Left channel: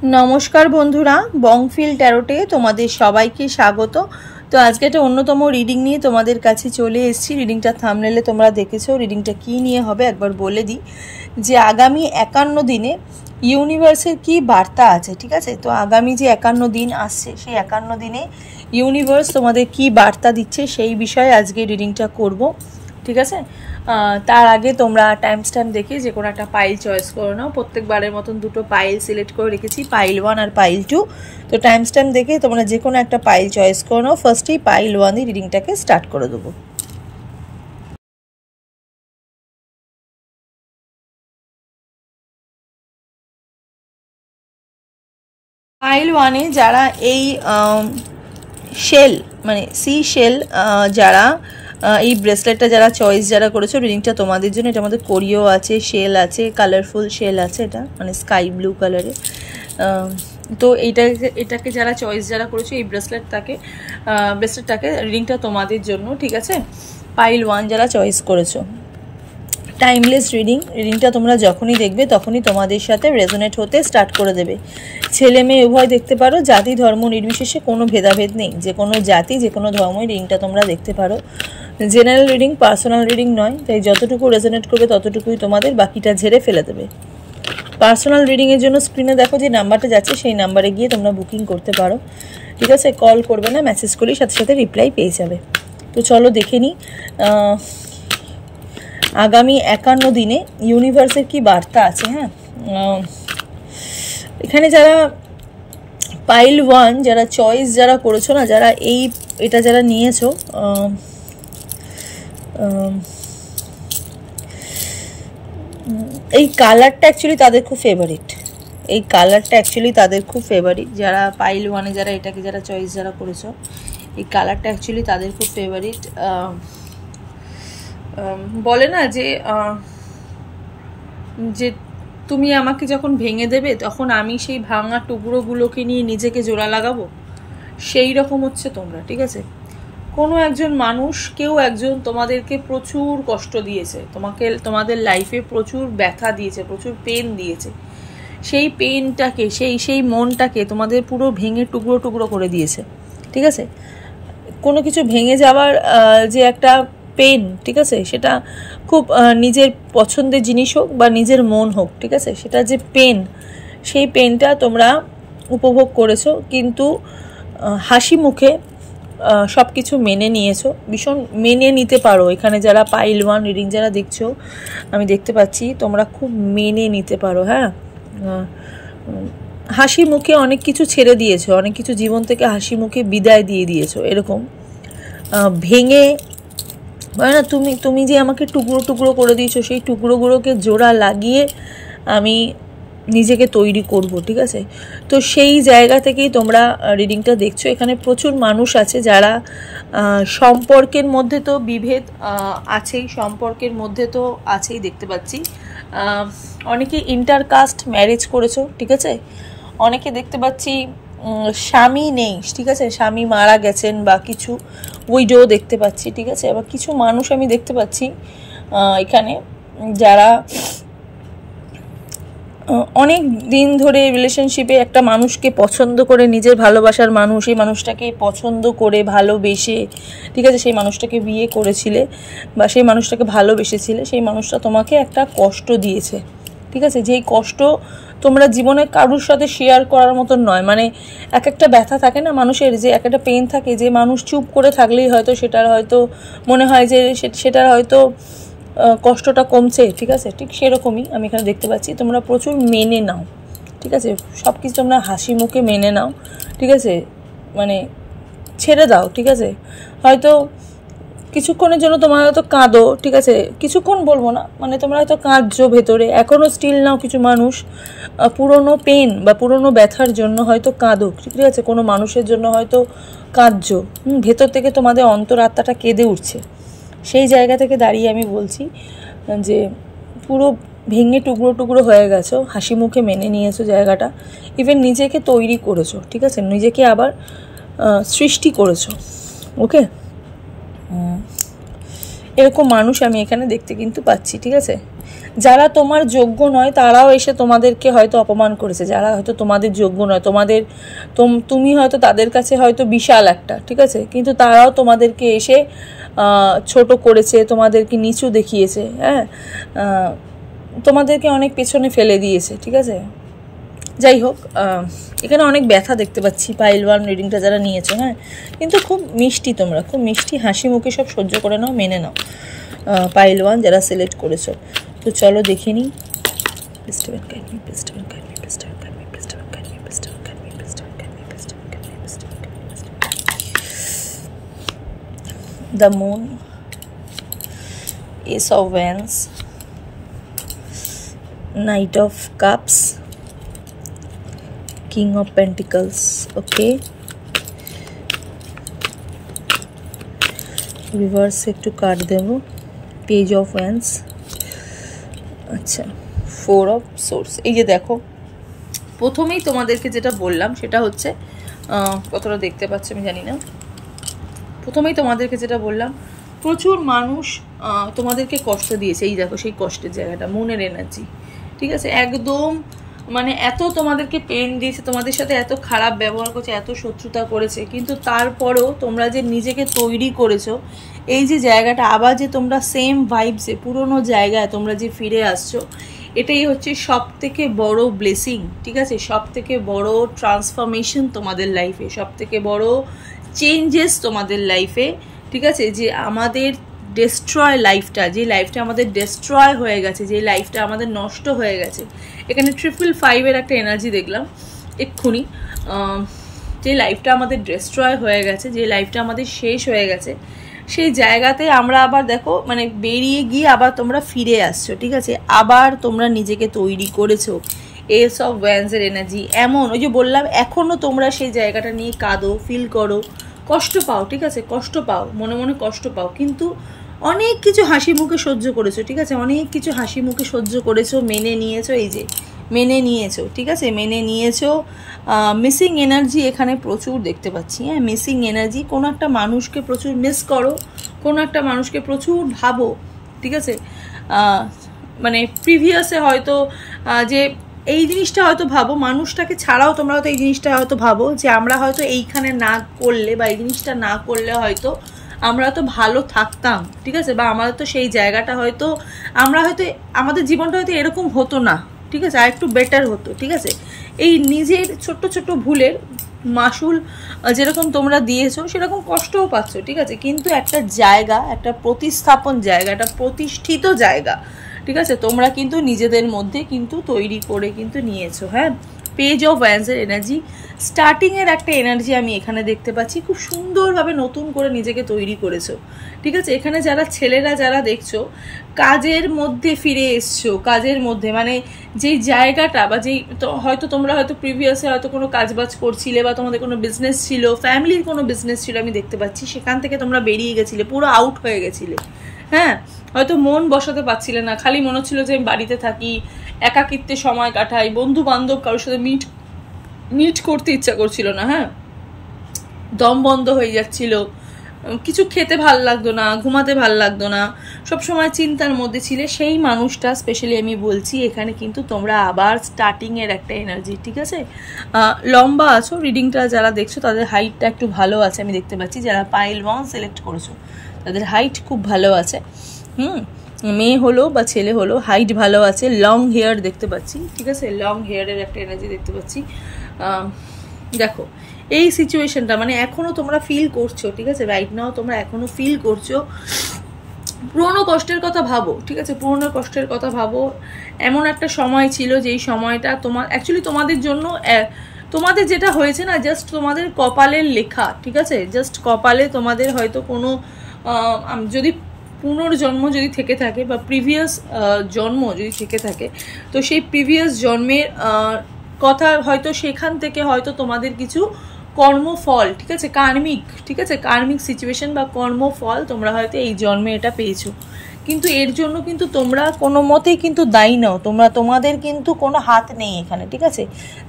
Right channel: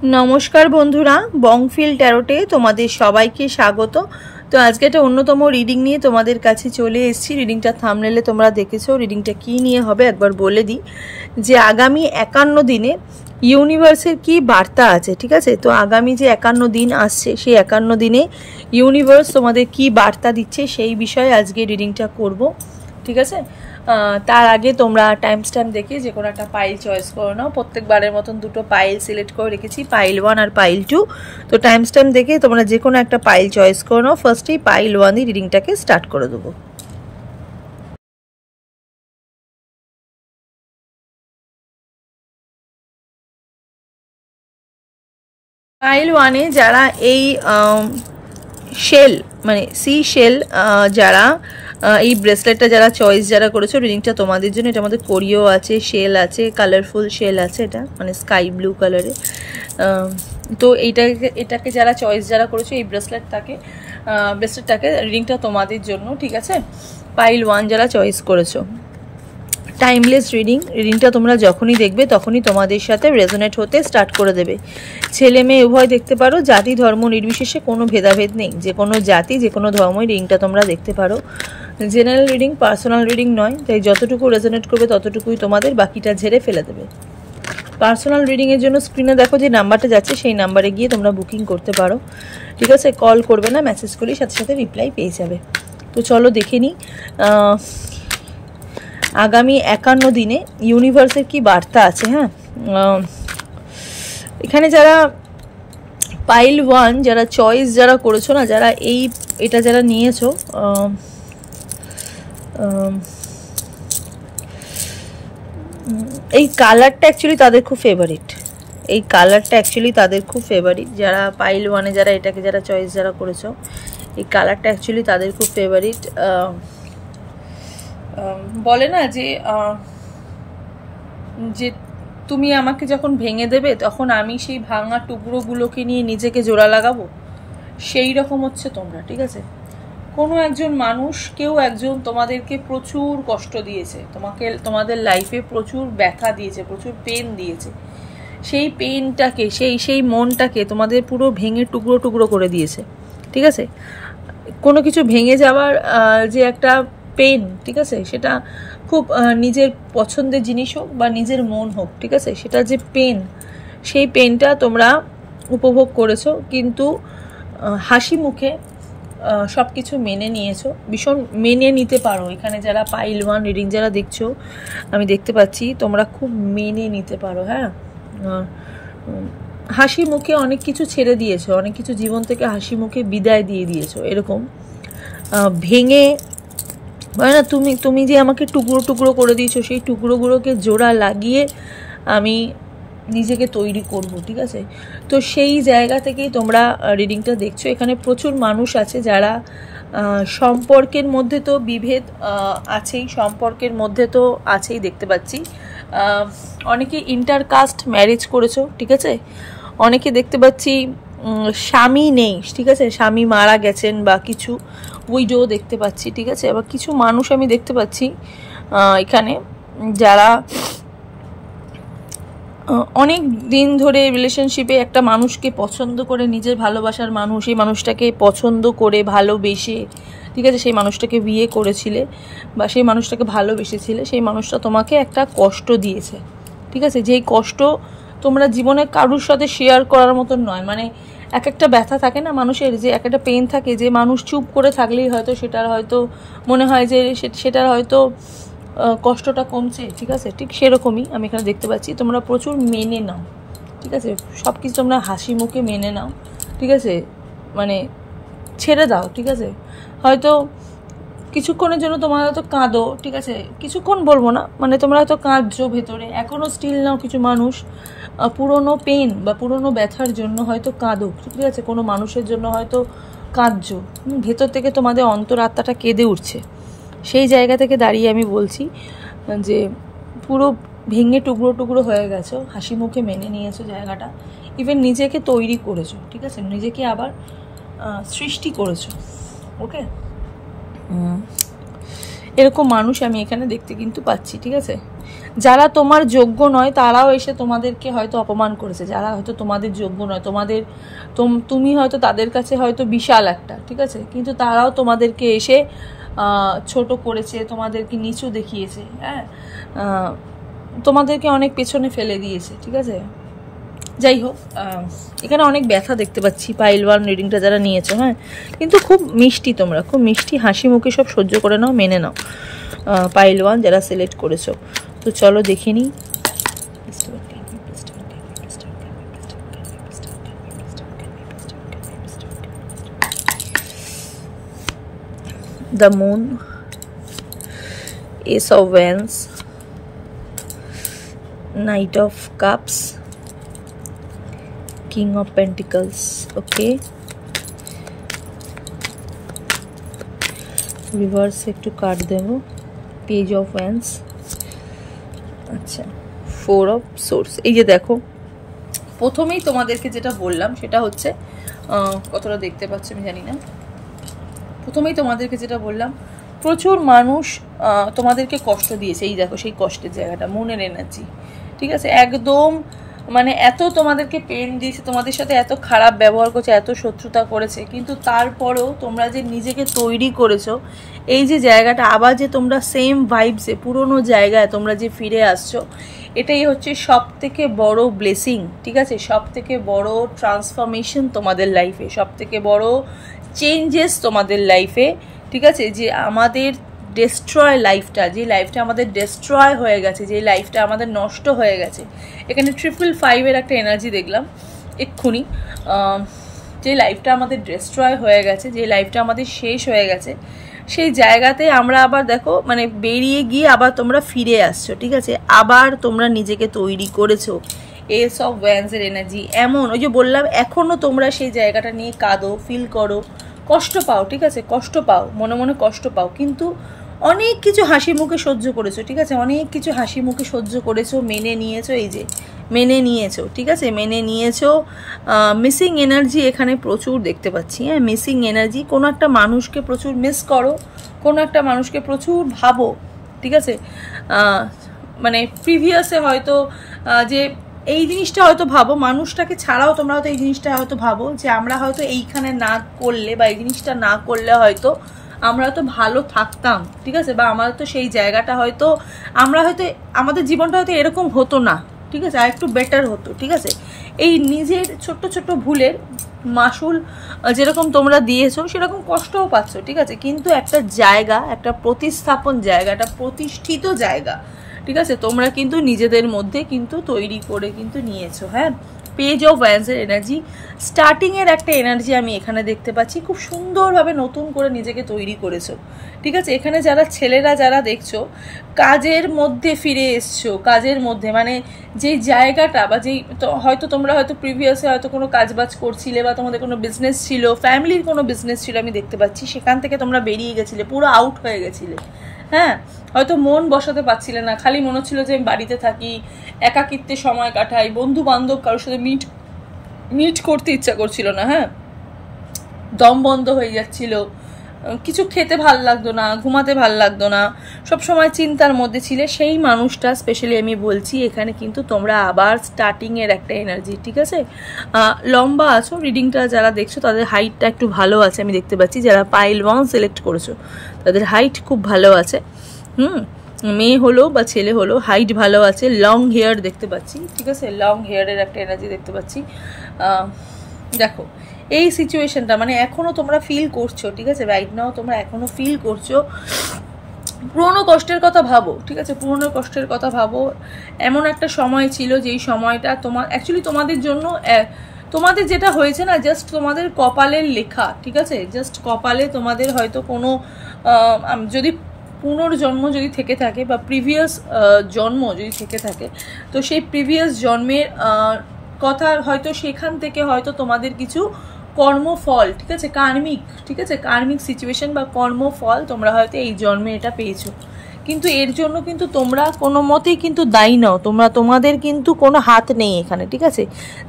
नमस्कार बंधुरा बंगफिल टैरोटे तुम्हादेर सबाइके स्वागत। तो आज के एक अन्यतम रिडिंग निये तुम्हादेर काछे चले एसेछि। रिडिंगटा थाम्बनेले तोमरा देखेছো। रिडिंगटा कि निये होबे एकबार बोले दी जे आगामी 51 दिने यूनिभार्सेर की बार्ता आछे। ठीक आछे, तो आगामी जे 51 दिन आसछे सेई 51 दिने यूनिभार्स तोमादेर की बार्ता दिच्छे सेई विषये आजके रिडिंगटा करब। ठीक आछे, तार आगे तोमरा टाइम स्टैम्प देखे जे कोनो एकटा पाइल चয়েস করে নাও। প্রত্যেকবারের মতন দুটো পাইল সিলেক্ট করে রেখেছি, পাইল 1 আর পাইল 2। তো টাইম স্ট্যাম্প দেখে তোমরা যে কোনো একটা পাইল চয়েস করে নাও। ফার্স্টেই পাইল 1 দিয়ে রিডিংটাকে স্টার্ট করে দেব। পাইল 1 এ যারা এই শেল মানে সি শেল যারা এই ব্রেসলেটটা যারা চয়েস যারা করেছো, রিডিংটা তোমাদের জন্য। এটার মধ্যে কোরিও আছে, শেল আছে, কালারফুল শেল আছে, এটা মানে স্কাই ব্লু কালারে। তো এটাকে যারা চয়েস যারা করেছো এই ব্রেসলেটটাকে রিডিংটা তোমাদের জন্য। ঠিক আছে, পাইল 1 যারা চয়েস করেছো, টাইমলেস রিডিংটা তোমরা যখনই দেখবে তখনই তোমাদের সাথে রেজোনেট হতে স্টার্ট করে দেবে। ছেলে মেয়ে উভয় দেখতে পারো, জাতি ধর্ম নির্বিশেষে কোনো ভেদাভেদ নেই। যে কোনো জাতি যে কোনো ধর্মই রিডিংটা তোমরা দেখতে পারো। জেনারেল রিডিং, পার্সোনাল রিডিং নয়, তাই যতটুকু রেজোনেট করবে ততটুকুই তোমাদের, বাকিটা ঝেড়ে ফেলে দেবে। পার্সোনাল রিডিংয়ের জন্য স্ক্রিনে দেখো যে নাম্বারটা যাচ্ছে সেই নাম্বারে গিয়ে তোমরা বুকিং করতে পারো। ঠিক আছে, কল করবে না, মেসেজ করলেই সাথে সাথে রিপ্লাই পেয়ে যাবে। তো চলো দেখে নিই आगामी 51 दिने यूनिभार्सेर की बार्ता आछे। हाँ, एखाने जारा पाइल 1 जारा चয়েস जारा करेছো ना, जारा एटा जारा नियेছো, এই কালারটা অ্যাকচুয়ালি তাদের খুব ফেভারিট। এই কালারটা অ্যাকচুয়ালি তাদের খুব ফেভারিট। যারা পাইল 1 এ যারা এটাকে যারা চয়েস যারা করেছো, এই কালারটা অ্যাকচুয়ালি তাদের খুব ফেভারিট। বলে না যে যে তুমি আমাকে যখন ভেঙে দেবে তখন আমি সেই ভাঙা টুকরোগুলোকে নিয়ে নিজেকে জোড়া লাগাবো, সেই রকম হচ্ছে তোমরা। ঠিক আছে, কোনো একজন মানুষ, কেউ একজন তোমাদেরকে প্রচুর কষ্ট দিয়েছে, তোমাদের লাইফে প্রচুর ব্যথা দিয়েছে, প্রচুর পেন দিয়েছে। সেই পেনটাকে সেই মনটাকে তোমাদের পুরো ভেঙে টুকরো টুকরো করে দিয়েছে। ঠিক আছে, কোনো কিছু ভেঙে যাওয়ার যে একটা পেন, ঠিক আছে, সেটা খুব নিজের পছন্দের জিনিস হোক বা নিজের মন হোক, ঠিক আছে, সেটা যে পেন, সেই পেনটা তোমরা উপভোগ করেছো, কিন্তু হাসি মুখে সব কিছু মেনে নিয়েছো, ভীষণ মেনে নিতে পারো। এখানে যারা পাইল 1 রিডিং যারা দেখছো, আমি দেখতে পাচ্ছি তোমরা খুব মেনে নিতে পারো। হ্যাঁ, হাসি মুখে অনেক কিছু ছেড়ে দিয়েছো, অনেক কিছু জীবন থেকে হাসি মুখে বিদায় দিয়ে দিয়েছো। এরকম ভেঙে মানে না, তুমি যে আমাকে টুকরো টুকরো করে দিয়েছো, সেই টুকরোগুলোকে জোড়া লাগিয়ে আমি নিজেকে তৈরি করব। ঠিক আছে, তো সেই জায়গা থেকেই তোমরা রিডিংটা দেখছো। এখানে প্রচুর মানুষ আছে যারা সম্পর্কের মধ্যে তো বিভেদ আছেই, সম্পর্কের মধ্যে তো আছেই, দেখতে পাচ্ছি। অনেকে ইন্টারকাস্ট ম্যারেজ করেছো। ঠিক আছে, অনেকে দেখতে পাচ্ছি স্বামী নেই। ঠিক আছে, স্বামী মারা গেছেন বা কিছু উইডো দেখতে পাচ্ছি। ঠিক আছে, আবার কিছু মানুষ আমি দেখতে পাচ্ছি এখানে যারা অনেক দিন ধরে রিলেশনশিপে একটা মানুষকে পছন্দ করে, নিজের ভালোবাসার মানুষ, এই মানুষটাকে পছন্দ করে ভালোবেসে, ঠিক আছে, সেই মানুষটাকে বিয়ে করেছিলে বা সেই মানুষটাকে ভালোবেসেছিলে, সেই মানুষটা তোমাকে একটা কষ্ট দিয়েছে। ঠিক আছে, যেই কষ্ট তোমরা জীবনে কারোর সাথে শেয়ার করার মতন নয়। মানে এক একটা ব্যথা থাকে না মানুষের, যে এক একটা পেন থাকে, যে মানুষ চুপ করে থাকলেই হয়তো সেটার হয়তো মনে হয় যে সেটার হয়তো কষ্টটা কমছে। ঠিক আছে, ঠিক সেরকমই আমি এখানে দেখতে পাচ্ছি তোমরা প্রচুর মেনে নাও। ঠিক আছে, সব কিছু তোমরা হাসি মুখে মেনে নাও। ঠিক আছে, মানে ছেড়ে দাও। ঠিক আছে, হয়তো কিছুক্ষণের জন্য তোমরা হয়তো কাঁদো। ঠিক আছে, কিছুক্ষণ বলবো না, মানে তোমরা হয়তো কাঁদছো ভেতরে, এখনও স্টিল নাও। কিছু মানুষ পুরনো পেন বা পুরনো ব্যথার জন্য হয়তো কাঁদো। ঠিক আছে, কোনো মানুষের জন্য হয়তো কাঁদছো, ভেতর থেকে তোমাদের অন্তরাত্মাটা কেঁদে উঠছে। সেই জায়গা থেকে দাঁড়িয়ে আমি বলছি যে পুরো ভেঙে টুকরো টুকরো হয়ে গেছো, হাসি মুখে মেনে নিয়েছো জায়গাটা, ইভেন নিজেকে তৈরি করেছো। ঠিক আছে, নিজেকে আবার সৃষ্টি করেছো। ওকে, এরকম মানুষ আমি এখানে দেখতে কিন্তু পাচ্ছি। ঠিক আছে, যারা তোমার যোগ্য নয় তারাও এসে তোমাদেরকে হয়তো অপমান করেছে, যারা হয়তো তোমাদের যোগ্য নয়, তুমি হয়তো তাদের কাছে হয়তো বিশাল একটা, ঠিক আছে, কিন্তু তারাও তোমাদেরকে এসে ছোট করেছে, তোমাদেরকে নিচু দেখিয়েছে, হ্যাঁ, তোমাদেরকে অনেক পেছনে ফেলে দিয়েছে, ঠিক আছে। যাই হোক, এখানে অনেক ব্যথা দেখতে পাচ্ছি পাইল 1 রিডিংটা যারা নিয়েছো, হ্যাঁ, কিন্তু খুব মিষ্টি, তোমরা খুব মিষ্টি, হাসি মুখে সব সহ্য করে নাও, মেনে নাও। পাইল 1 যারা সিলেক্ট করেছো, তো চলো দেখে নিই। The moon, ace of wands, knight of cups, king of pentacles, okay, reverse একটু কাট দেবো, পেজ অফ ওয়ান্স, আচ্ছা, 4 অফ সোর্স। এই যে দেখো, প্রথমেই তোমাদেরকে যেটা বললাম সেটা হচ্ছে, কতটা দেখতে পাচ্ছি আমি জানি না, প্রথমেই তোমাদেরকে যেটা বললাম, প্রচুর মানুষ তোমাদেরকে কষ্ট দিয়েছে। এই দেখো সেই কষ্টের জায়গাটা, মনের এনার্জি, ঠিক আছে, একদম মানে এত তোমাদেরকে পেন দিয়েছে, তোমাদের সাথে এত খারাপ ব্যবহার করেছে, এত শত্রুতা করেছে, কিন্তু তারপরও তোমরা যে নিজেকে তৈরি করেছো, এই যে জায়গাটা আবার যে তোমরা সেম ভাইবসে পুরনো জায়গায় তোমরা যে ফিরে আসছো, এটাই হচ্ছে সব থেকে বড় ব্লেসিং, ঠিক আছে, সব থেকে বড় ট্রান্সফরমেশন তোমাদের লাইফে, সব থেকে বড় চেঞ্জেস তোমাদের লাইফে, ঠিক আছে। যে আমাদের ডেস্ট্রয় লাইফটা, যে লাইফটা আমাদের ডেস্ট্রয় হয়ে গেছে, যে লাইফটা আমাদের নষ্ট হয়ে গেছে, এখানে 555 একটা এনার্জি দেখলাম এক্ষুনি, যে লাইফটা আমাদের ডেস্ট্রয় হয়ে গেছে, যে লাইফটা আমাদের শেষ হয়ে গেছে, সেই জায়গাতে আমরা আবার দেখো মানে বেরিয়ে গিয়ে আবার তোমরা ফিরে আসছো, ঠিক আছে, আবার তোমরা নিজেকে তৈরি করেছো। এস অফ ওয়ান্সের এনার্জি এমন, ওই যে বললাম, এখনও তোমরা সেই জায়গাটা নিয়ে কাঁদো, ফিল করো, কষ্ট পাও, ঠিক আছে, কষ্ট পাও, মনে মনে কষ্ট পাও, কিন্তু অনেক কিছু হাসি মুখে সহ্য করেছো, ঠিক আছে, অনেক কিছু হাসি মুখে সহ্য করেছো, মেনে নিয়েছো, এই যে মেনে নিয়েছো, ঠিক আছে, মেনে নিয়েছো। মিসিং এনার্জি এখানে প্রচুর দেখতে পাচ্ছি, হ্যাঁ, মিসিং এনার্জি, কোনো একটা মানুষকে প্রচুর মিস করো, কোনো একটা মানুষকে প্রচুর ভাবো, ঠিক আছে, মানে প্রিভিয়াসে হয়তো যে এই জিনিসটা হয়তো ভাবো, মানুষটাকে ছাড়াও তোমরা হয়তো এই জিনিসটা হয়তো ভাবো যে আমরা হয়তো এইখানে না করলে বা এই জিনিসটা না করলে হয়তো আমরা তো ভালো থাকতাম, ঠিক আছে, বা আমাদের তো সেই জায়গাটা হয়তো আমরা হয়তো আমাদের জীবনটা হয়তো এরকম হতো না, ঠিক আছে, আর একটু বেটার হতো, ঠিক আছে। এই নিজের ছোট্ট ছোট্ট ভুলের মাসুল যেরকম তোমরা দিয়েছো সেরকম কষ্টও পাচ্ছ, ঠিক আছে, কিন্তু একটা জায়গা, একটা প্রতিস্থাপন জায়গা, একটা প্রতিষ্ঠিত জায়গা, ঠিক আছে, তোমরা কিন্তু নিজেদের মধ্যে কিন্তু তৈরি করে কিন্তু নিয়েছো, হ্যাঁ। পেজ অফ ওয়ান্সের এনার্জি, স্টার্টিংয়ের একটা এনার্জি আমি এখানে দেখতে পাচ্ছি, খুব সুন্দরভাবে নতুন করে নিজেকে তৈরি করেছো, ঠিক আছে। এখানে যারা ছেলেরা যারা দেখছো, কাজের মধ্যে ফিরে এসছো, কাজের মধ্যে মানে যেই জায়গাটা বা যেই হয়তো তোমরা হয়তো প্রিভিয়াসে হয়তো কোনো কাজবাজ করছিলে বা তোমাদের কোনো বিজনেস ছিল, ফ্যামিলির কোনো বিজনেস ছিল, আমি দেখতে পাচ্ছি সেখান থেকে তোমরা বেরিয়ে গেছিলে, পুরো আউট হয়ে গেছিলে, হ্যাঁ, হয়তো মন বসাতে পারছিলে না, খালি মনে হচ্ছিল যে আমি বাড়িতে থাকি, একাকিত্বে সময় কাটাই, বন্ধু বান্ধব কারোর সাথে মিট করতে ইচ্ছা করছিল না, হ্যাঁ, দম বন্ধ হয়ে যাচ্ছিল, কিছু খেতে ভাল লাগতো না, ঘুমাতে ভাল লাগতো না, সবসময় চিন্তার মধ্যে ছিলে, সেই মানুষটা স্পেশালি আমি বলছি এখানে কিন্তু তোমরা আবার স্টার্টিংয়ের একটা এনার্জি, ঠিক আছে। লম্বা আছো, রিডিংটা যারা দেখছো তাদের হাইটটা একটু ভালো আছে আমি দেখতে পাচ্ছি, যারা পাইল 1 সিলেক্ট করেছো তাদের হাইট খুব ভালো আছে, মেয়ে হলো বা ছেলে হলো, হাইট ভালো আছে, লং হেয়ার দেখতে পাচ্ছি, ঠিক আছে, লং হেয়ারের একটা এনার্জি দেখতে পাচ্ছি। দেখো এই সিচুয়েশনটা মানে এখনো তোমরা ফিল করছো, ঠিক আছে, রাইট নাও তোমরা এখনো ফিল করছো, পুরনো কষ্টের কথা ভাবো, ঠিক আছে, পুরনো কষ্টের কথা ভাবো। এমন একটা সময় ছিল যেই সময়টা তোমার অ্যাকচুয়ালি তোমাদের জন্য, তোমাদের যেটা হয়েছে না, জাস্ট তোমাদের কপালের লেখা, ঠিক আছে, জাস্ট কপালে তোমাদের হয়তো কোনো যদি পুনর্জন্ম যদি থেকে থাকে বা প্রিভিয়াস জন্ম যদি থেকে থাকে, তো সেই প্রিভিয়াস জন্মের কথা হয়তো সেখান থেকে হয়তো তোমাদের কিছু কর্মফল, ঠিক আছে, কার্মিক, ঠিক আছে, কার্মিক সিচুয়েশন বা কর্মফল তোমরা হয়তো এই জন্মে এটা পেয়েছো, কিন্তু এর জন্য কিন্তু তোমরা কোনো মতেই কিন্তু দায়ী নাও, তোমাদের কিন্তু কোনো হাত নেই এখানে, ঠিক আছে,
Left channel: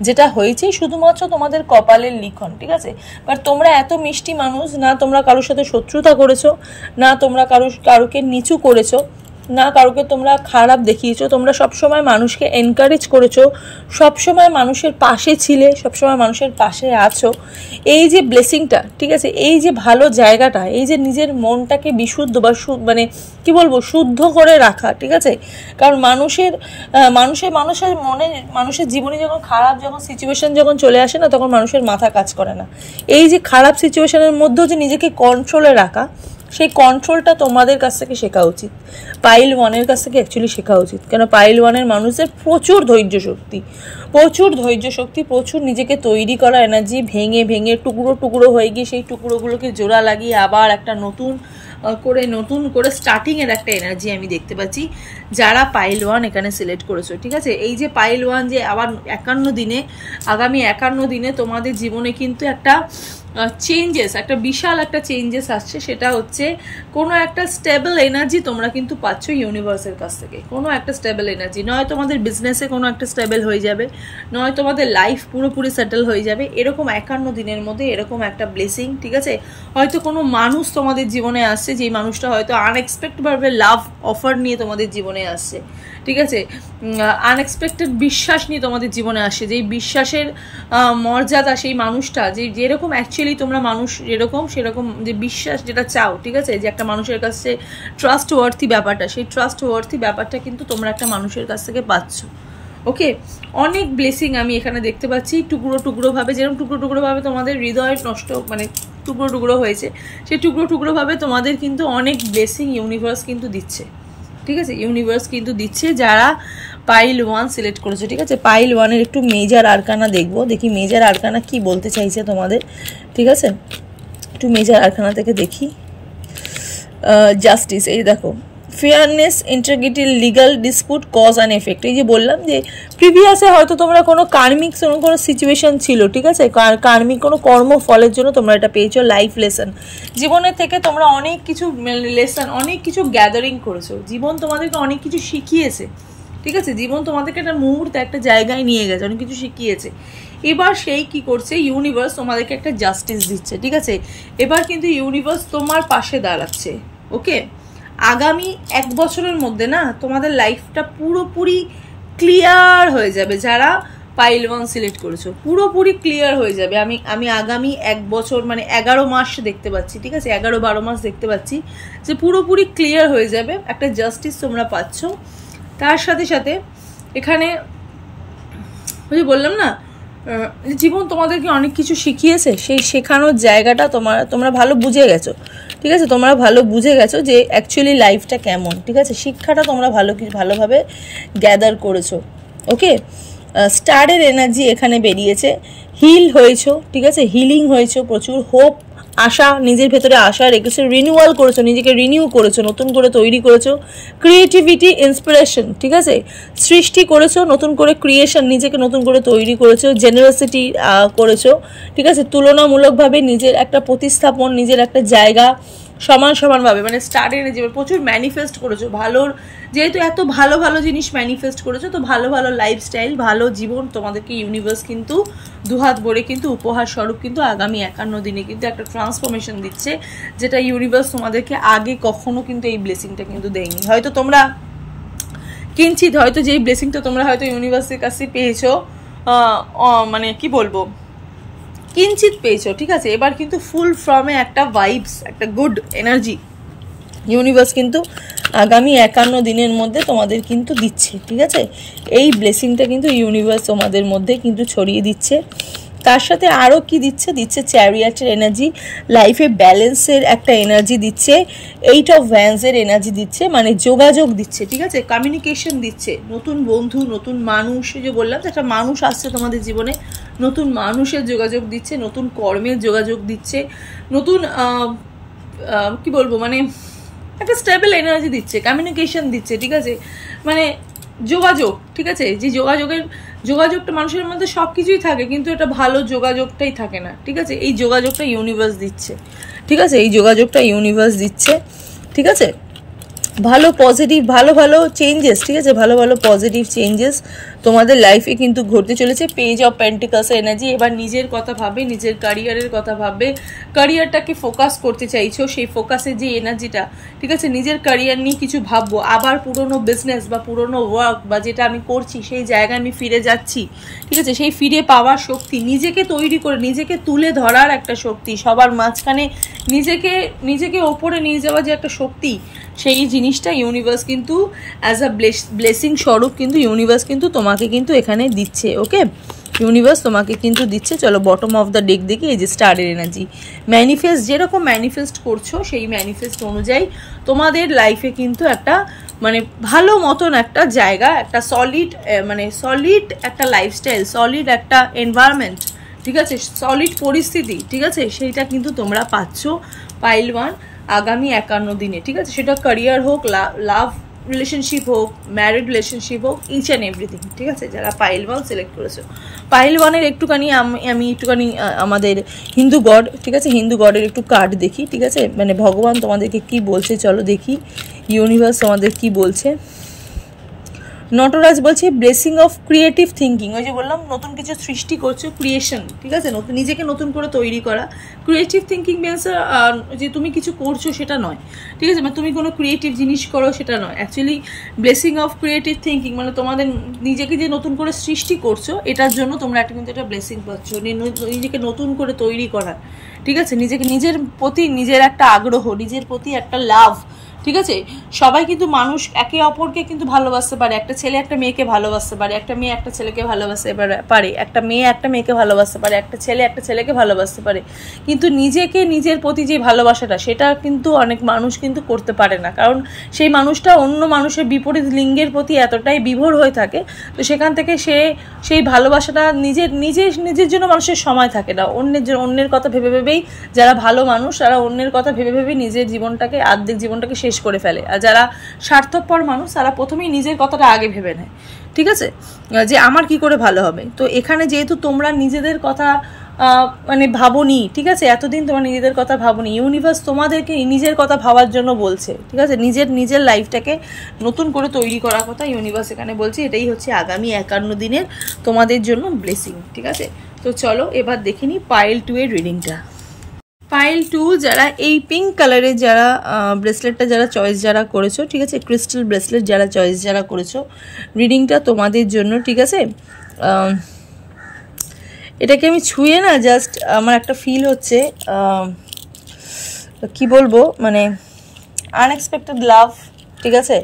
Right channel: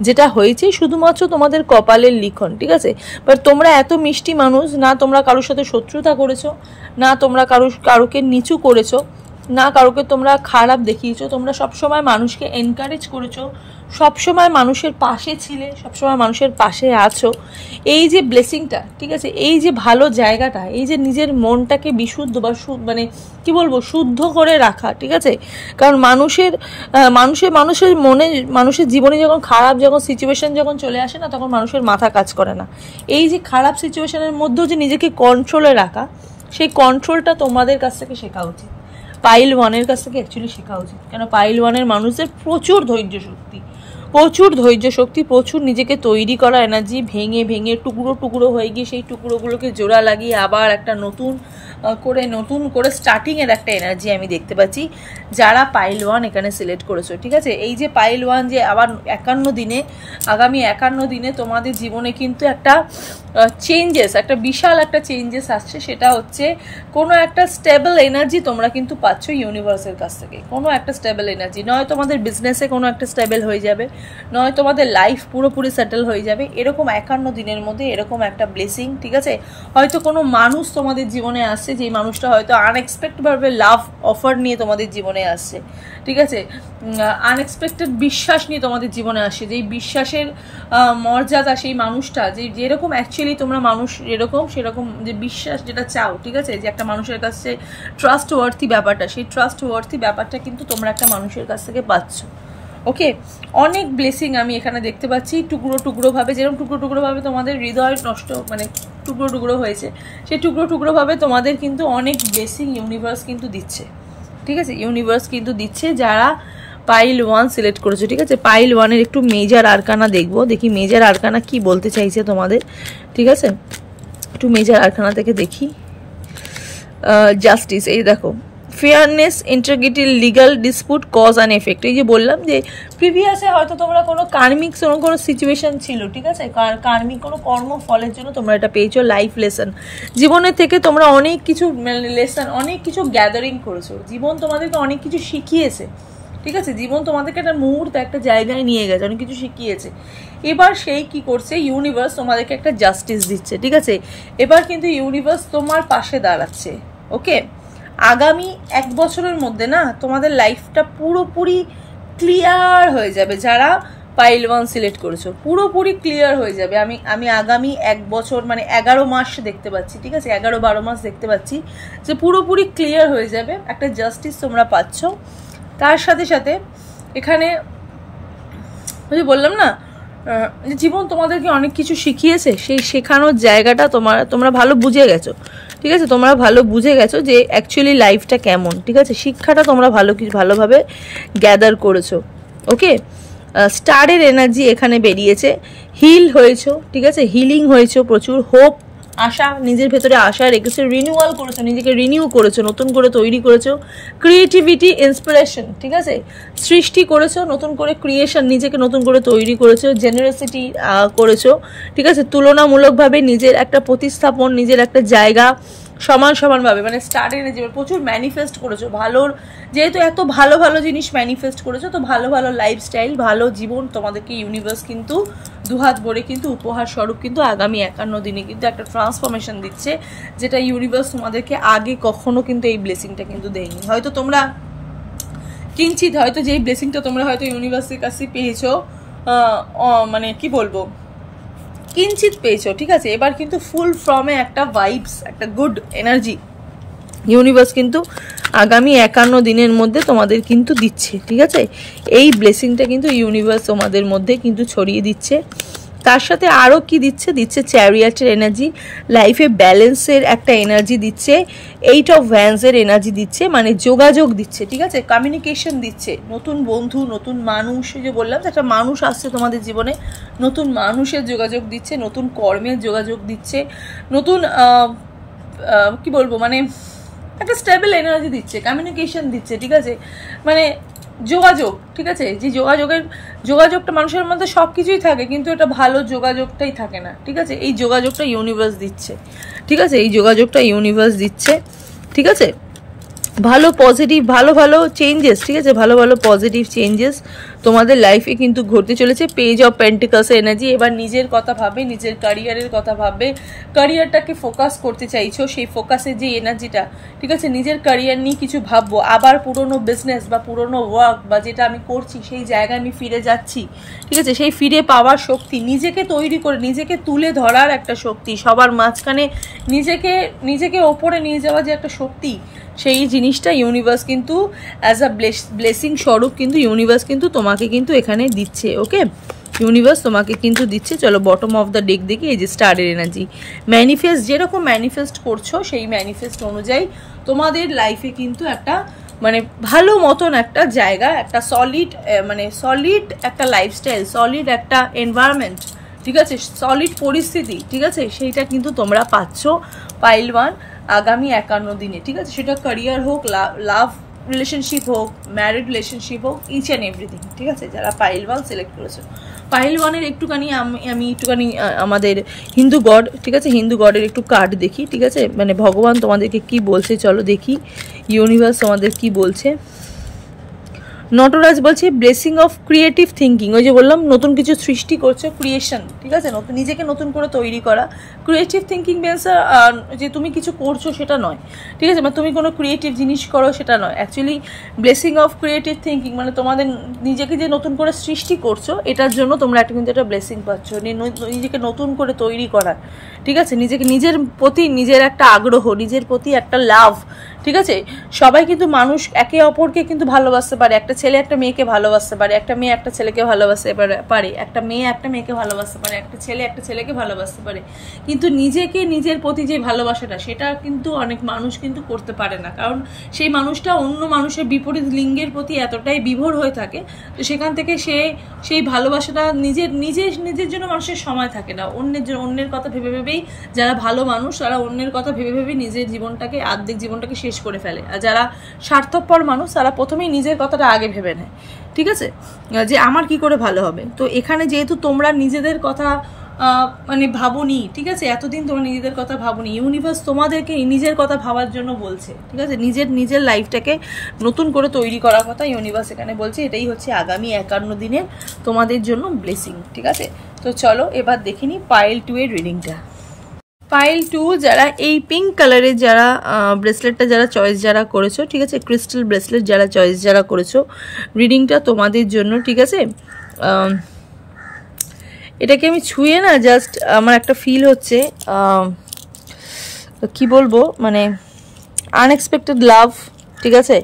যেটা হয়েছে শুধুমাত্র তোমাদের কপালের লিখন, ঠিক আছে। বাট তোমরা এত মিষ্টি মানুষ না, তোমরা কারোর সাথে শত্রুতা করেছো না, তোমরা কারোকে নিচু করেছো, না কাউকে তোমরা খারাপ দেখিয়েছো, তোমরা সবসময় মানুষকে এনকারেজ করেছো, সবসময় মানুষের পাশে ছিলে, সবসময় মানুষের পাশে আছো। এই যে ব্লেসিংটা, ঠিক আছে, এই যে ভালো জায়গাটা, এই যে নিজের মনটাকে বিশুদ্ধ বা মানে কি বলবো, শুদ্ধ করে রাখা, ঠিক আছে। কারণ মানুষের মনে, মানুষের জীবনে যখন খারাপ যখন সিচুয়েশন যখন চলে আসে না, তখন মানুষের মাথা কাজ করে না। এই যে খারাপ সিচুয়েশনের মধ্যেও যে নিজেকে কন্ট্রোলে রাখা, সেই কন্ট্রোলটা তোমাদের কাছ থেকে শেখা উচিত, পাইল 1-এর কাছ থেকে অ্যাকচুয়ালি শেখা উচিত। কেন পাইল 1-এর মানুষদের প্রচুর ধৈর্য শক্তি, প্রচুর নিজেকে তৈরি করা এনার্জি, ভেঙে ভেঙে টুকরো টুকরো হয়ে গিয়ে সেই টুকরোগুলোকে জোড়া লাগিয়ে আবার একটা নতুন করে স্টার্টিংয়ের একটা এনার্জি আমি দেখতে পাচ্ছি যারা পাইল 1 এখানে সিলেক্ট করেছো, ঠিক আছে। এই যে পাইল 1 যে আবার আগামী 51 দিনে তোমাদের জীবনে কিন্তু একটা চেঞ্জেস, একটা বিশাল একটা চেঞ্জেস আসছে। সেটা হচ্ছে কোনো একটা স্টেবল এনার্জি তোমরা কিন্তু পাচ্ছ ইউনিভার্সের কাছ থেকে, কোনো একটা স্টেবল এনার্জি। নয় তোমাদের বিজনেসে কোনো একটা স্টেবল হয়ে যাবে, নয় তোমাদের লাইফ পুরোপুরি সেটেল হয়ে যাবে, এরকম 51 দিনের মধ্যে এরকম একটা ব্লেসিং, ঠিক আছে। হয়তো কোনো মানুষ তোমাদের জীবনে আসছে, যেই মানুষটা হয়তো আনএক্সপেক্টেডভাবে লাভ অফার নিয়ে তোমাদের জীবনে আসছে, ঠিক আছে। আনএক্সপেক্টেড বিশ্বাস নিয়ে তোমাদের জীবনে আসছে, যেই বিশ্বাসের মর্যাদা সেই মানুষটা, যেরকম অ্যাকচুয়ালি তোমরা মানুষ যেরকম সেরকম যে বিশ্বাস যেটা চাও, ঠিক আছে, যে একটা মানুষের কাছে ট্রাস্ট ওয়ার্থি ব্যাপারটা, সেই ট্রাস্ট ওয়ার্থি ব্যাপারটা কিন্তু তোমরা একটা মানুষের কাছ থেকে পাচ্ছ। ওকে, অনেক ব্লেসিং আমি এখানে দেখতে পাচ্ছি টুকরোভাবে, যেরকম টুকরোভাবে তোমাদের হৃদয় নষ্ট, মানে টুকরো হয়েছে, সেই টুকরোভাবে তোমাদের কিন্তু অনেক ব্লেসিং ইউনিভার্স কিন্তু দিচ্ছে, ঠিক আছে। ইউনিভার্স কিন্তু দিচ্ছে যারা পাইল 1 সিলেক্ট করেছো, ঠিক আছে। পাইল 1-এর একটু মেজার আরকানা দেখবো, দেখি মেজার আরকানা কি বলতে চাইছে তোমাদের, ঠিক আছে। একটু মেজার আরকানা থেকে দেখি। জাস্টিস, এই দেখো, fairness, integrity, legal dispute, cause and effect. এই যে বললাম যে প্রিভিয়াসে হয়তো তোমরা কোনো কার্মিক কোনো সিচুয়েশন ছিল, ঠিক আছে, কার্মিক কোনো কর্মফলের জন্য তোমরা এটা পেয়েছো। লাইফ লেসন, জীবনের থেকে তোমরা অনেক কিছু লেসন, অনেক কিছু গ্যাদারিং করেছো, জীবন তোমাদেরকে অনেক কিছু শিখিয়েছে, ঠিক আছে। জীবন তোমাদেরকে একটা মুহূর্তে একটা জায়গায় নিয়ে গেছে, অনেক কিছু শিখিয়েছে। এবার সেই কি করছে, ইউনিভার্স তোমাদেরকে একটা জাস্টিস দিচ্ছে, ঠিক আছে। এবার কিন্তু ইউনিভার্স তোমার পাশে দাঁড়াচ্ছে। ওকে, আগামী 1 বছরের মধ্যে না তোমাদের লাইফটা পুরোপুরি ক্লিয়ার হয়ে যাবে। যারা পাইল 1 সিলেক্ট করেছো পুরোপুরি ক্লিয়ার হয়ে যাবে। আমি আগামী 1 বছর মানে 11 মাস দেখতে পাচ্ছি, ঠিক আছে, 11-12 মাস দেখতে পাচ্ছি যে পুরোপুরি ক্লিয়ার হয়ে যাবে, একটা জাস্টিস তোমরা পাচ্ছ। তার সাথে সাথে এখানে ওই যে বললাম না, জীবন তোমাদেরকে অনেক কিছু শিখিয়েছে, সেই শেখানোর জায়গাটা তোমরা ভালো বুঝে গেছো, ঠিক আছে। তোমরা ভালো বুঝে গেছো যে অ্যাকচুয়ালি লাইফটা কেমন, ঠিক আছে। শিক্ষাটা তোমরা ভালোভাবে গ্যাদার করেছো। ওকে, স্টারের এনার্জি এখানে বেরিয়েছে, হিল হয়েছো, ঠিক আছে, হিলিং হয়েছো, প্রচুর হোপ, আশা, নিজের ভেতরে আশা রেখেছো, রিনিউয়াল করেছো, নিজেকে রিনিউ করেছো, নতুন করে তৈরি করেছো, ক্রিয়েটিভিটি, ইন্সপিরেশন, ঠিক আছে, সৃষ্টি করেছো, নতুন করে ক্রিয়েশন, নিজেকে নতুন করে তৈরি করেছো, জেনারসিটি করেছো, ঠিক আছে, তুলনামূলকভাবে নিজের একটা প্রতিস্থাপন, নিজের একটা জায়গা সমানভাবে, মানে স্টার এনার্জি প্রচুর ম্যানিফেস্ট করেছো। যেহেতু এত ভালো জিনিস ম্যানিফেস্ট করেছো, তো ভালো লাইফস্টাইল, ভালো জীবন তোমাদেরকে ইউনিভার্স কিন্তু দুহাত ভরে কিন্তু উপহার স্বরূপ কিন্তু আগামী 51 দিনে কিন্তু একটা ট্রান্সফরমেশন দিচ্ছে, যেটা ইউনিভার্স তোমাদেরকে আগে কখনো কিন্তু এই ব্লেসিংটা কিন্তু দেয়নি। হয়তো তোমরা কিঞ্চিত, হয়তো যেই ব্লেসিংটা তোমরা হয়তো ইউনিভার্সের কাছে পেয়েছো, মানে কি বলবো, কিঞ্চিত পেয়েছো, ঠিক আছে। এবার কিন্তু ফুল ফর্মে একটা ভাইবস, একটা গুড এনার্জি ইউনিভার্স কিন্তু আগামী 51 দিনের মধ্যে তোমাদের কিন্তু দিচ্ছে, ঠিক আছে। এই ব্লেসিংটা কিন্তু ইউনিভার্স তোমাদের মধ্যে কিন্তু ছড়িয়ে দিচ্ছে। তার সাথে আরও কি দিচ্ছে চ্যারিয়াটের এনার্জি, লাইফে ব্যালেন্সের একটা এনার্জি দিচ্ছে, 8 অফ ভ্যান্সের এনার্জি দিচ্ছে, মানে যোগাযোগ দিচ্ছে, ঠিক আছে, কমিউনিকেশন দিচ্ছে, নতুন বন্ধু, নতুন মানুষ, যে বললাম একটা মানুষ আসছে তোমাদের জীবনে, নতুন মানুষের যোগাযোগ দিচ্ছে, নতুন কর্মের যোগাযোগ দিচ্ছে, নতুন কি বলবো, মানে একটা স্টেবল এনার্জি দিচ্ছে, কমিউনিকেশন দিচ্ছে, ঠিক আছে, মানে যোগাযোগ, ঠিক আছে। যে যোগাযোগটা মানুষের মধ্যে সব কিছুই থাকে, কিন্তু এটা ভালো যোগাযোগটাই থাকে না, ঠিক আছে। এই যোগাযোগটা ইউনিভার্স দিচ্ছে, ঠিক আছে, এই যোগাযোগটা ইউনিভার্স দিচ্ছে, ঠিক আছে। ভালো পজিটিভ ভালো ভালো চেঞ্জেস, ঠিক আছে, ভালো ভালো পজিটিভ চেঞ্জেস তোমাদের লাইফে কিন্তু ঘটতে চলেছে। Page of pentacles energy. এবার নিজের কথা ভাবে, নিজের ক্যারিয়ারের কথা ভাবে, ক্যারিয়ারটাকে ফোকাস করতে চাইছো, সেই ফোকাসের যে এনার্জিটা, ঠিক আছে, নিজের ক্যারিয়ার নিয়ে কিছু ভাববো, আবার পুরনো বিজনেস বা পুরনো ওয়ার্ক বা যেটা আমি করছি সেই জায়গায় আমি ফিরে যাচ্ছি, ঠিক আছে, সেই ফিরে পাওয়ার শক্তি, নিজেকে তৈরি করে নিজেকে তুলে ধরার একটা শক্তি, সবার মাঝখানে নিজেকে ওপরে নিয়ে যাওয়ার যে একটা শক্তি, সেই জিনিসটা ইউনিভার্স কিন্তু অ্যাজ আ ব্লেসিং স্বরূপ কিন্তু ইউনিভার্স কিন্তু তোমাকে কিন্তু এখানে দিচ্ছে। ওকে, ইউনিভার্স তোমাকে কিন্তু দিচ্ছে। চলো বটম অফ দ্য ডেক দেখি। এই যে স্টারের এনার্জি, ম্যানিফেস্ট, যেরকম ম্যানিফেস্ট করছো সেই ম্যানিফেস্ট অনুযায়ী তোমাদের লাইফে কিন্তু একটা মানে ভালো মতন একটা জায়গা, একটা সলিড একটা লাইফস্টাইল, সলিড একটা এনভায়রনমেন্ট, ঠিক আছে, সলিড পরিস্থিতি, ঠিক আছে, সেইটা কিন্তু তোমরা পাচ্ছ পাইল 1 আগামী 51 দিনে, ঠিক আছে, সেটা ক্যারিয়ার হোক, লাভ রিলেশনশিপ হোক, ম্যারিড রিলেশনশিপ হোক, ইচ অ্যান্ড এভরিথিং, ঠিক আছে। যারা পাইল 1 সিলেক্ট করেছো, পাইল 1-এর একটুখানি আমি একটুখানি আমাদের হিন্দু গড, ঠিক আছে, হিন্দু গডের একটু কার্ড দেখি, ঠিক আছে, মানে ভগবান তোমাদেরকে কি বলছে চলো দেখি, ইউনিভার্স তোমাদের কি বলছে। নটরাজ বলছে ব্লেসিং অফ ক্রিয়েটিভ থিঙ্কিং। ওই যে বললাম নতুন কিছু সৃষ্টি করছো, ক্রিয়েশন, ঠিক আছে, নিজেকে নতুন করে তৈরি করা। ক্রিয়েটিভ থিঙ্কিং মিনস যে তুমি কিছু করছো সেটা নয়, ঠিক আছে, মানে তুমি কোনো ক্রিয়েটিভ জিনিস করো সেটা নয়। Actually blessing of creative thinking মানে তোমাদের নিজেকে যে নতুন করে সৃষ্টি করছো এটার জন্য তোমরা কিন্তু একটা ব্লেসিং পাচ্ছ, নিজেকে নতুন করে তৈরি করা, ঠিক আছে, নিজের প্রতি নিজের একটা আগ্রহ, নিজের প্রতি একটা লাভ, ঠিক আছে। সবাই কিন্তু মানুষ একে অপরকে কিন্তু ভালোবাসতে পারে, একটা ছেলে একটা মেয়েকে ভালোবাসতে পারে, একটা মেয়ে একটা ছেলেকে ভালোবাসতে পারে, একটা মেয়ে একটা মেয়েকে ভালোবাসতে পারে, একটা ছেলে একটা ছেলেকে ভালোবাসতে পারে, কিন্তু নিজেকে নিজের প্রতি যে ভালোবাসাটা সেটা কিন্তু অনেক মানুষ কিন্তু করতে পারে না, কারণ সেই মানুষটা অন্য মানুষের বিপরীত লিঙ্গের প্রতি এতটাই বিভোর হয়ে থাকে, তো সেখান থেকে সেই ভালোবাসাটা নিজের জন্য মানুষের সময় থাকে না, অন্যের কথা ভেবে ভেবেই যারা ভালো মানুষ তারা অন্যের কথা ভেবে ভেবে নিজের জীবনটাকে আর্ধেক জীবনটাকে শেষ করে ফেলে, আর যারা স্বার্থপর মানুষ তারা প্রথমেই নিজের কথাটা আগে ভেবে নেয়, ঠিক আছে, যে আমার কি করে ভালো হবে। তো এখানে যেহেতু তোমরা নিজেদের কথা মানে ভাবনি, ঠিক আছে, এতদিন তোমরা নিজেদের কথা ভাবনি, ইউনিভার্স তোমাদেরকে নিজের কথা ভাবার জন্য বলছে, ঠিক আছে, নিজের লাইফটাকে নতুন করে তৈরি করার কথা ইউনিভার্স এখানে বলছে। এটাই হচ্ছে আগামী 51 দিনের তোমাদের জন্য ব্লেসিং, ঠিক আছে। তো চলো এবার দেখে নিই পাইল 2 এর রিডিংটা। পাইল 2 যারা এই পিঙ্ক কালারের যারা ব্রেসলেটটা যারা চয়েস যারা করেছো, ঠিক আছে, ক্রিস্টাল ব্রেসলেট যারা চয়েস যারা করেছো, রিডিংটা তোমাদের জন্য, ঠিক আছে। এটাকে আমি ছুঁয়ে না জাস্ট আমার একটা ফিল হচ্ছে কি বলবো, মানে আনএক্সপেক্টেড লাভ, ঠিক আছে,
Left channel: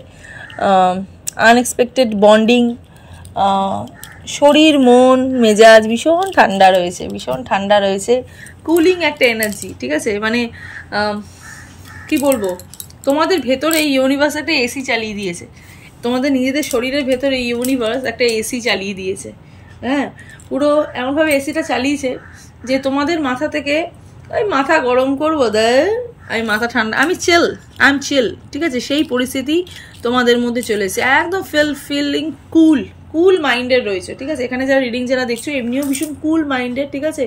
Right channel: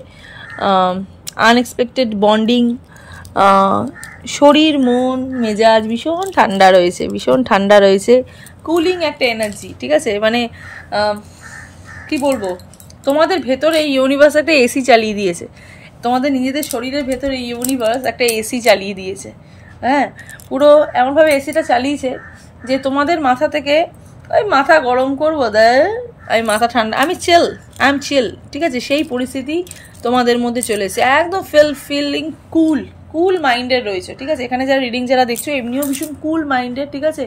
আনএক্সপেক্টেড বন্ডিং, শরীর মন মেজাজ ভীষণ ঠান্ডা রয়েছে, কুলিং একটা এনার্জি, ঠিক আছে, মানে কি বলবো, তোমাদের ভেতরে এই ইউনিভার্স একটা এসি চালিয়ে দিয়েছে, তোমাদের নিজেদের শরীরের ভেতরে এই ইউনিভার্স একটা এসি চালিয়ে দিয়েছে, হ্যাঁ, পুরো এমনভাবে এসিটা চালিয়েছে যে তোমাদের মাথা থেকে ওই মাথা গরম করবো আমি মাথা ঠান্ডা, আই এম চিল, ঠিক আছে, সেই পরিস্থিতি তোমাদের মধ্যে চলে এসেছে, একদম ফিলিং কুল মাইন্ডের রয়েছে, ঠিক আছে। এখানে যারা রিডিং যারা দেখছো এমনিও ভীষণ কুল মাইন্ডের, ঠিক আছে,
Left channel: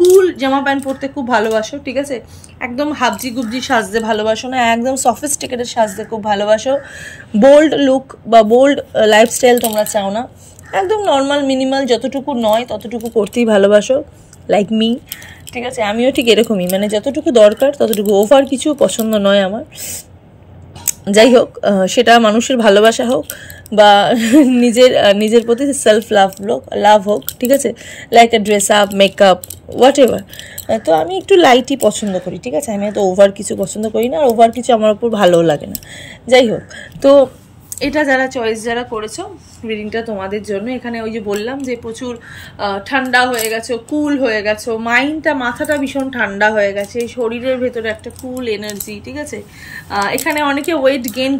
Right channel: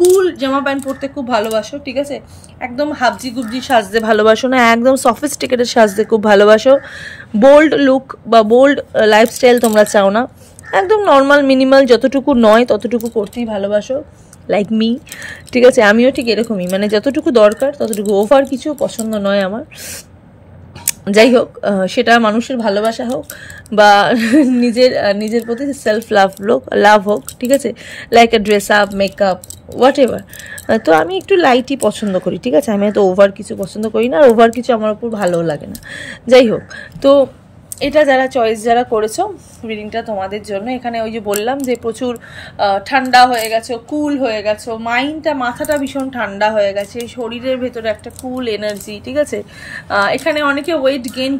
কুল জামা প্যান্ট পরতে খুব ভালোবাসো, ঠিক আছে, একদম হাবজি গুবজি সাজতে ভালোবাসো না, একদম সফিস্টিকেটেড সাজতে খুব ভালোবাসো, বোল্ড লুক বা বোল্ড লাইফস্টাইল তোমরা চাও না, একদম নর্মাল মিনিমাল যতটুকু নয় ততটুকু করতেই ভালোবাসো, লাইক মি, ঠিক আছে, আমিও ঠিক এরকমই, মানে যতটুকু দরকার ততটুকু, ওভার কিছু পছন্দ নয় আমার। যাই হোক, সেটা মানুষের ভালোবাসা হোক বা নিজের প্রতি সেলফ লাভ হোক, ঠিক আছে, like a dress up, makeup, what ever. তো আমি একটু লাইটই পছন্দ করি, ঠিক আছে, আমি এত ওভার কিছু পছন্দ করি না, আর ওভার কিছু আমার উপর ভালোও লাগে না। যাই হোক, তো এটা যারা চয়েস যারা করেছো রিডিংটা তোমাদের জন্য। এখানে ওই যে বললাম যে প্রচুর ঠান্ডা হয়ে গেছো, কুল হয়ে গেছো, মাথাটা ভীষণ ঠান্ডা হয়ে গেছে, শরীরের ভেতরে একটা কুল এনার্জি, ঠিক আছে। এখানে অনেকে ওয়েট গেইন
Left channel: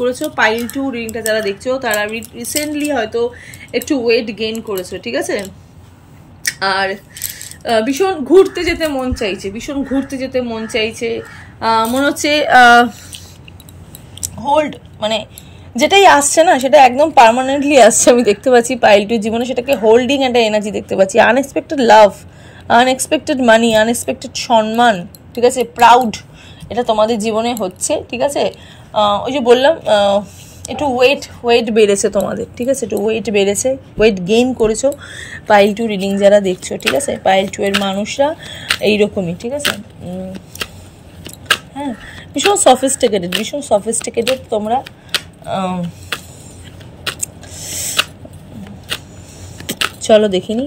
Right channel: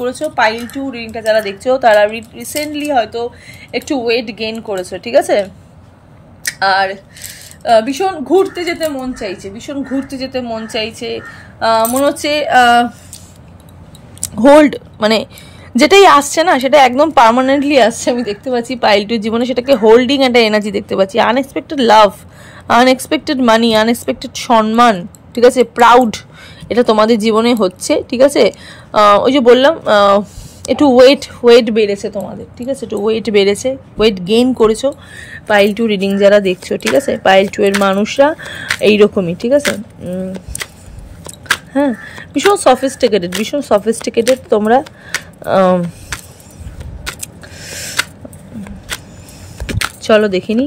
করেছো, পাইল 2 রিডিংটা যারা দেখছো তারা রিসেন্টলি হয়তো একটু ওয়েট গেইন করেছো, ঠিক আছে, আর ভীষণ ঘুরতে যেতে মন চাইছে, মনে হচ্ছে হোল্ড, মানে যেটাই আসছে না সেটা একদম পার্মানেন্টলি আসছে, আমি দেখতে পাচ্ছি পাইল 2 জীবনে সেটাকে হোল্ডিং একটা এনার্জি দেখতে পাচ্ছি, আনএক্সপেক্টেড লাভ, আনএক্সপেক্টেড মানি, আনএক্সপেক্টেড সম্মান, ঠিক আছে, প্রাউড, এটা তোমাদের জীবনে হচ্ছে, ঠিক আছে। ওই যে বললাম একটু ওয়েট বেড়েছে তোমাদের, ঠিক আছে, একটু ওয়েট বেড়েছে, ওয়েট গেইন করেছো পাইল 2 রিডিং যারা দেখছো, ঠিক আছে। পাইল 2 এর মানুষরা এইরকমই, ঠিক আছে। হ্যাঁ, ভীষণ সফিস্টিকেটেড তোমরা। চলো দেখিনি।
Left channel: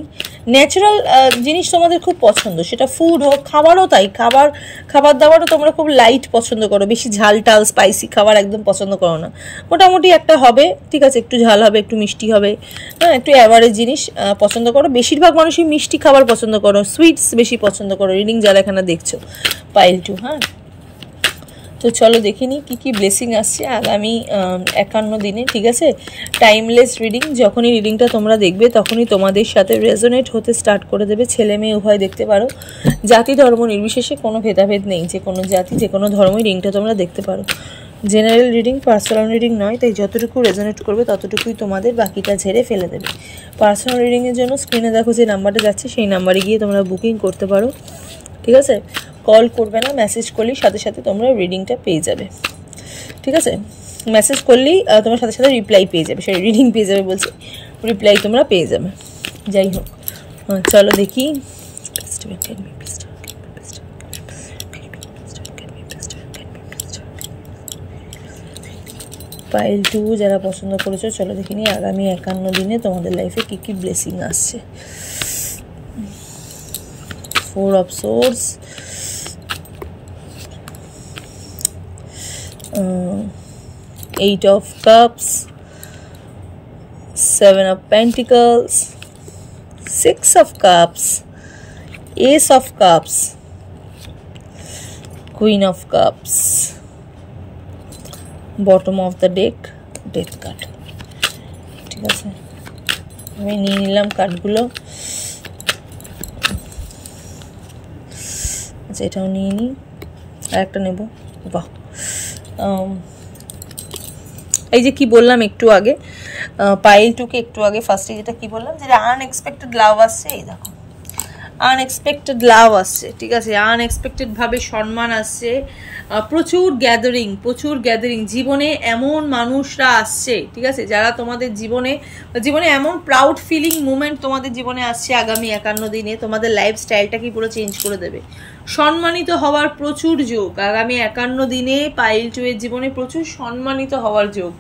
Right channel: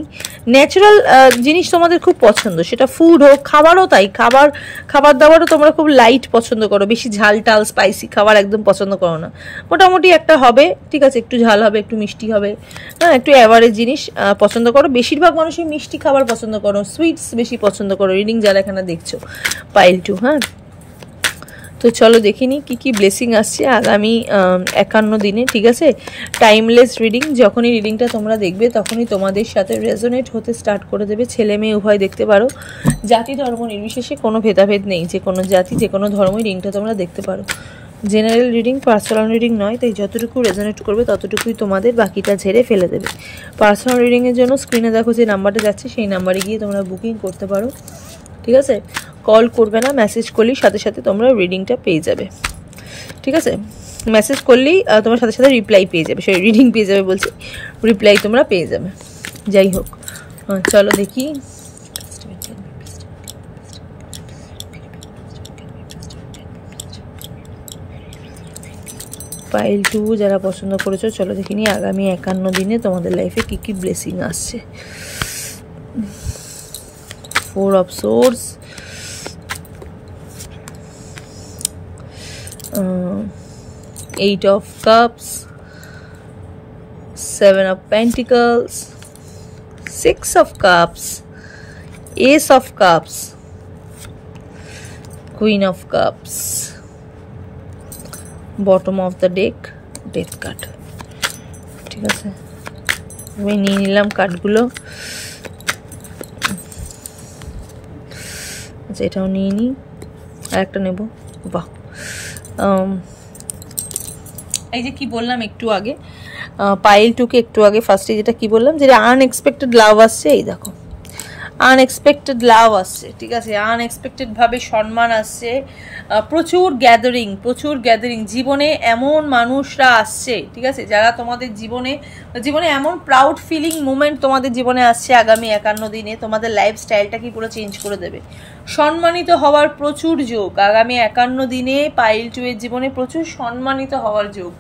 ন্যাচারাল জিনিস তোমাদের খুব পছন্দ, সেটা ফুড হোক, খাবারও তাই। খাবার দাবারও তোমরা খুব লাইট পছন্দ করো, বেশি ঝাল টাল স্পাইসি খাবার একদম পছন্দ করো না। মোটামুটি একটা হবে, ঠিক আছে, একটু ঝাল হবে, একটু মিষ্টি হবে, হ্যাঁ, একটু অ্যাভারেজ জিনিস পছন্দ করো। বেশিরভাগ মানুষই মিষ্টি খাবার পছন্দ করো, সুইটস বেশি পছন্দ করো রিডিং যারা এখানে দেখছো পাইল 2। হ্যাঁ, তো চলো দেখিনি কি কি ব্লেসিং আসছে আগামী 51 দিনে, ঠিক আছে। টাইমলেস রিডিং, যখনই রিডিংটা তোমরা দেখবে তখনই তোমাদের সাথে রেজোনেট হতে স্টার্ট করে দেবে। ছেলে মেয়ে উভয় দেখতে পারো, জাতি ধর্ম নির্বিশেষে কোনো ভেদাভেদ নেই, যে কোনো জাতি যে কোনো ধর্মই রিডিংটা তোমরা দেখতে পারো। জেনারেল রিডিং, পার্সোনাল রিডিং নয়, তাই যতটুকু রেজোনেট করবে ততটুকুই তোমাদের, বাকিটা ঝেড়ে ফেলে দেবে। পার্সোনাল রিডিংয়ের জন্য স্ক্রিনে দেখো যে নাম্বারটা যাচ্ছে, সেই নাম্বারে গিয়ে তোমরা বুকিং করতে পারো, ঠিক আছে। কল করবে না, মেসেজ করলেই সাথে সাথে তোমরা রিডিংটা পেয়ে যাবে, ঠিক আছে। মেসেজ করলেই তোমার সাথে সাথে রিপ্লাই পেয়ে যাবে, সেই রিডিং পেয়ে যাবে বলছি, রিপ্লাই তোমরা পেয়ে যাবে। যাই হোক, চলো দেখি। পাইল 2 যারা পছন্দ করেছো, চলো দেখিনি আগামী 51 দিনে তোমাদের লাইফে কি কি ব্লেসিং আসছে। 4 of Swords, 8 of Cups, 7 of Pentacles, 6 of Cups, Ace of Cups, Queen of Cups, bottom of the deck, Death card, ঠিক আছে। আমি নিয়ে নিলাম কার্ডগুলো, আচ্ছা এটাও নিয়ে নিই, আর একটা নেব। বাহ, এই যে কি বললাম একটু আগে, পাইল 2কে একটু আগে ফার্স্টে যেটা কি বললাম, যেটা আনএক্সপেক্টেড লাভ আসছে, এই দেখো আনএক্সপেক্টেড লাভ আসছে, ঠিক আছে। আনএক্সপেক্টেড ভাবে সম্মান আসছে, প্রচুর গ্যাদারিং জীবনে এমন মানুষরা আসছে, ঠিক আছে, যারা তোমাদের জীবনে এমন প্রাউড ফিলিং মুমেন্ট তোমাদের জীবনে আসছে আগামী 51 দিনে, তোমাদের লাইফস্টাইলটাকে পুরো চেঞ্জ করে দেবে। সম্মানিত হওয়ার প্রচুর যোগ আগামী 51 দিনে পাইল 2 এর জীবনে, প্রচুর সম্মানিত হওয়ার যোগ,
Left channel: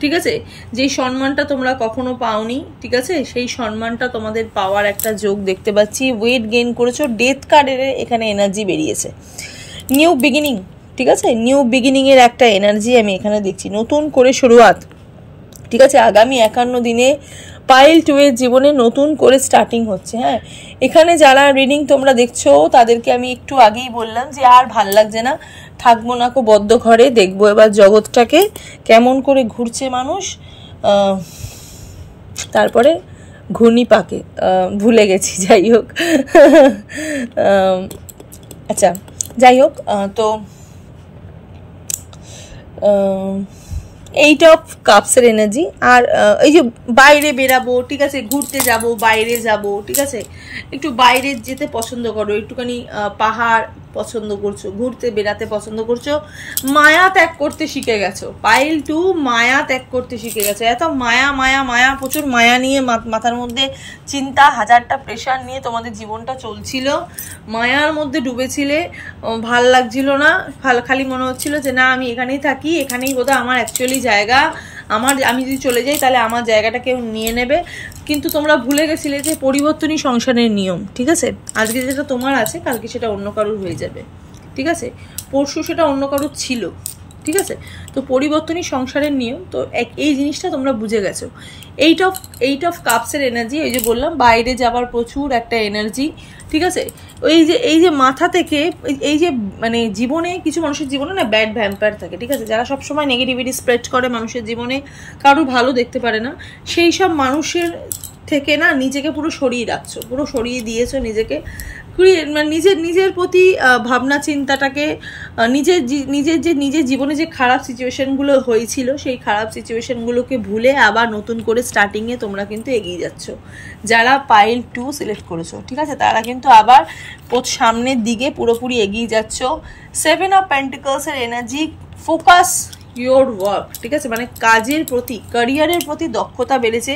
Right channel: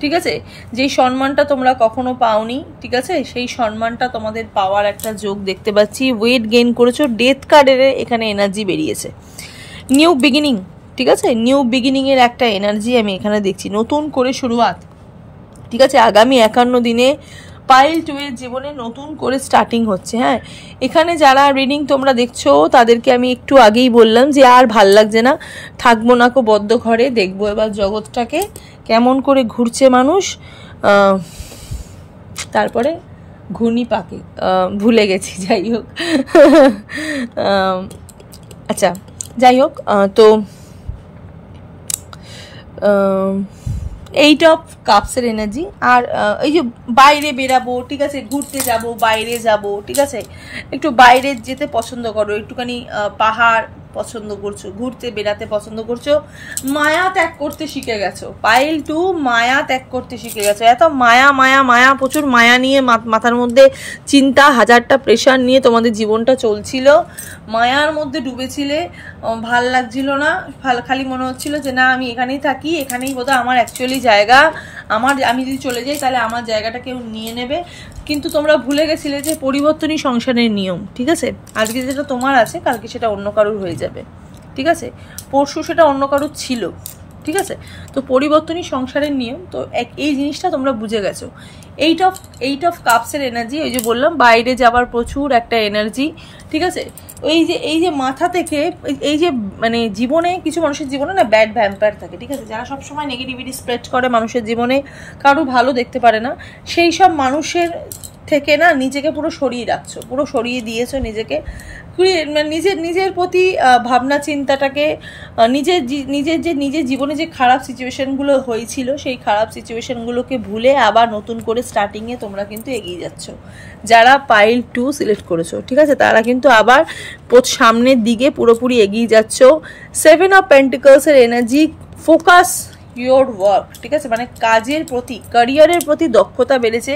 ঠিক আছে। যেই সম্মানটা তোমরা কখনো পাওনি, ঠিক আছে, সেই সম্মানটা তোমাদের পাওয়ার একটা যোগ দেখতে পাচ্ছি। ওয়েট গেইন করেছো, ডেথ কার্ডের এখানে এনার্জি বেরিয়েছে, নিউ বিগিনিং, ঠিক আছে, নিউ বিগিনিং এর একটা এনার্জি আমি এখানে দেখছি, নতুন করে শুরুয়াত, ঠিক আছে। আগামী 51 দিনে পাইল 2 এর জীবনে নতুন করে স্টার্টিং হচ্ছে। হ্যাঁ, এখানে যারা রিডিং তোমরা দেখছো তাদেরকে আমি একটু আগেই বললাম যে আর ভাল লাগছে না, থাকবো না কো বদ্ধ ঘরে, দেখবো এবার জগৎটাকে কেমন করে ঘুরছে মানুষ, তারপরে ঘূর্ণি পাকে, ভুলে গেছি, যাই হোক। আচ্ছা যাই হোক, তো 8 অফ কাপসের এনার্জি, আর এই যে বাইরে বেরাবো, ঠিক আছে, ঘুরতে যাব, বাইরে যাব, ঠিক আছে, একটু বাইরে যেতে পছন্দ করো, একটুখানি পাহাড় পছন্দ করছো, ঘুরতে বেড়াতে পছন্দ করছো, মায়া ত্যাগ করতে শিখে গেছো। পাইল 2 মায়া ত্যাগ করতে শিখে গেছো, এত মায়া, প্রচুর মায়া নিয়ে মাথার মধ্যে চিন্তা, হাজারটা প্রেশার নিয়ে তোমাদের জীবনটা চলছিল, মায়ার মধ্যে ডুবেছিলে, ভাল লাগছিল না, খালি মনে হচ্ছিল যে না আমি এখানেই থাকি, এখানেই বোধহয় আমার অ্যাকচুয়ালি জায়গা, আমি যদি চলে যাই তাহলে আমার জায়গাটা কেউ নিয়ে নেবে। কিন্তু তোমরা ভুলে গেছিলে যে পরিবর্তনই সংসারের নিয়ম, ঠিক আছে। আজকে যেটা তোমার আছে কালকে সেটা অন্য কারোর হয়ে যাবে, ঠিক আছে, পরশু সেটা অন্য কারোর ছিল, ঠিক আছে। তো পরিবর্তনই সংসারের নিয়ম, তো এই জিনিসটা তোমরা বুঝে গেছো। 8 অফ কাপসের এনার্জি, ওই যে বললাম বাইরে যাবার প্রচুর একটা এনার্জি, ঠিক আছে। এই যে মাথা থেকে এই যে মানে জীবনে কিছু মানুষের জীবনে না ব্যাড ভ্যাম্পায়ার থাকে, ঠিক আছে, যারা সবসময় নেগেটিভিটি স্প্রেড করে মানুষের জীবনে, কারো ভালো দেখতে পারে না, সেই সব মানুষের থেকে না নিজেকে পুরো সরিয়ে রাখছো, পুরো সরিয়ে দিয়েছো নিজেকে, মানে নিজের প্রতি ভাবনা চিন্তাটাকে, নিজের জীবনে যে খারাপ সিচুয়েশনগুলো হয়েছিল সেই খারাপ সিচুয়েশনগুলোকে ভুলে আবার নতুন করে স্টার্টিংয়ে তোমরা কিন্তু এগিয়ে যাচ্ছ। যারা পাইল 2 সিলেক্ট করেছো, ঠিক আছে, তারা কিন্তু আবার সামনের দিকে পুরোপুরি এগিয়ে যাচ্ছ। 7 অফ পেন্টিকলসের এনার্জি, ফোকাস ইয়োর ওয়ার্ক, ঠিক আছে, মানে কাজের প্রতি, ক্যারিয়ারের প্রতি দক্ষতা বেড়েছে।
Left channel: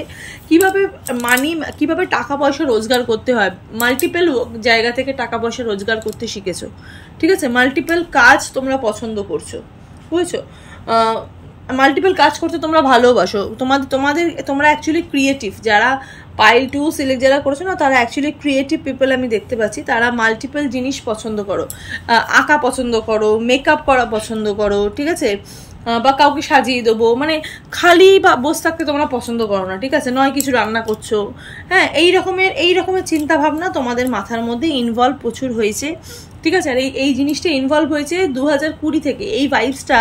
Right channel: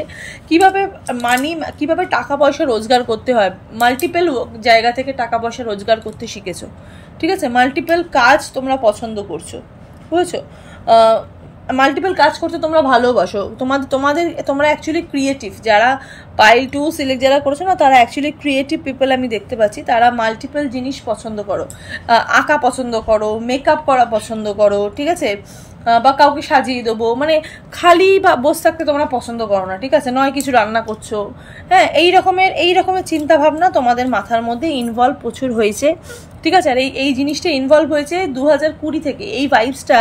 কিভাবে টাকা পয়সা রোজগার করতে হয়, মাল্টিপল জায়গা থেকে টাকা পয়সা রোজগার করতে শিখেছো, ঠিক আছে, মাল্টিপল কাজ তোমরা পছন্দ করছো, বুঝেছো, মাল্টিপল কাজ করতে তোমরা ভালোবাসো, তোমরা অ্যাকচুয়ালি ক্রিয়েটিভ। যারা পাইল 2 সিলেক্ট যারা করেছো না, তারা অ্যাকচুয়ালি ক্রিয়েটিভ পিপল আমি দেখতে পাচ্ছি। তারা মাল্টিপল জিনিস পছন্দ করো, আঁকা পছন্দ করো, মেকআপ করা পছন্দ করো, ঠিক আছে, বা কাউকে সাজিয়ে দেবো, মানে খালি বা বসে থাকতে তোমরা পছন্দ করো না, ঠিক আছে, নয় কিছু রান্না করছো, হ্যাঁ, এই রকমের চিন্তা ভাবনা তোমাদের মাথার মধ্যে ইনভলভ প্রচুর হয়েছে, ঠিক আছে। আর এই জিনিসটা ইনভলভ হয়েছে 2020 থেকে। এই ভাইবসটা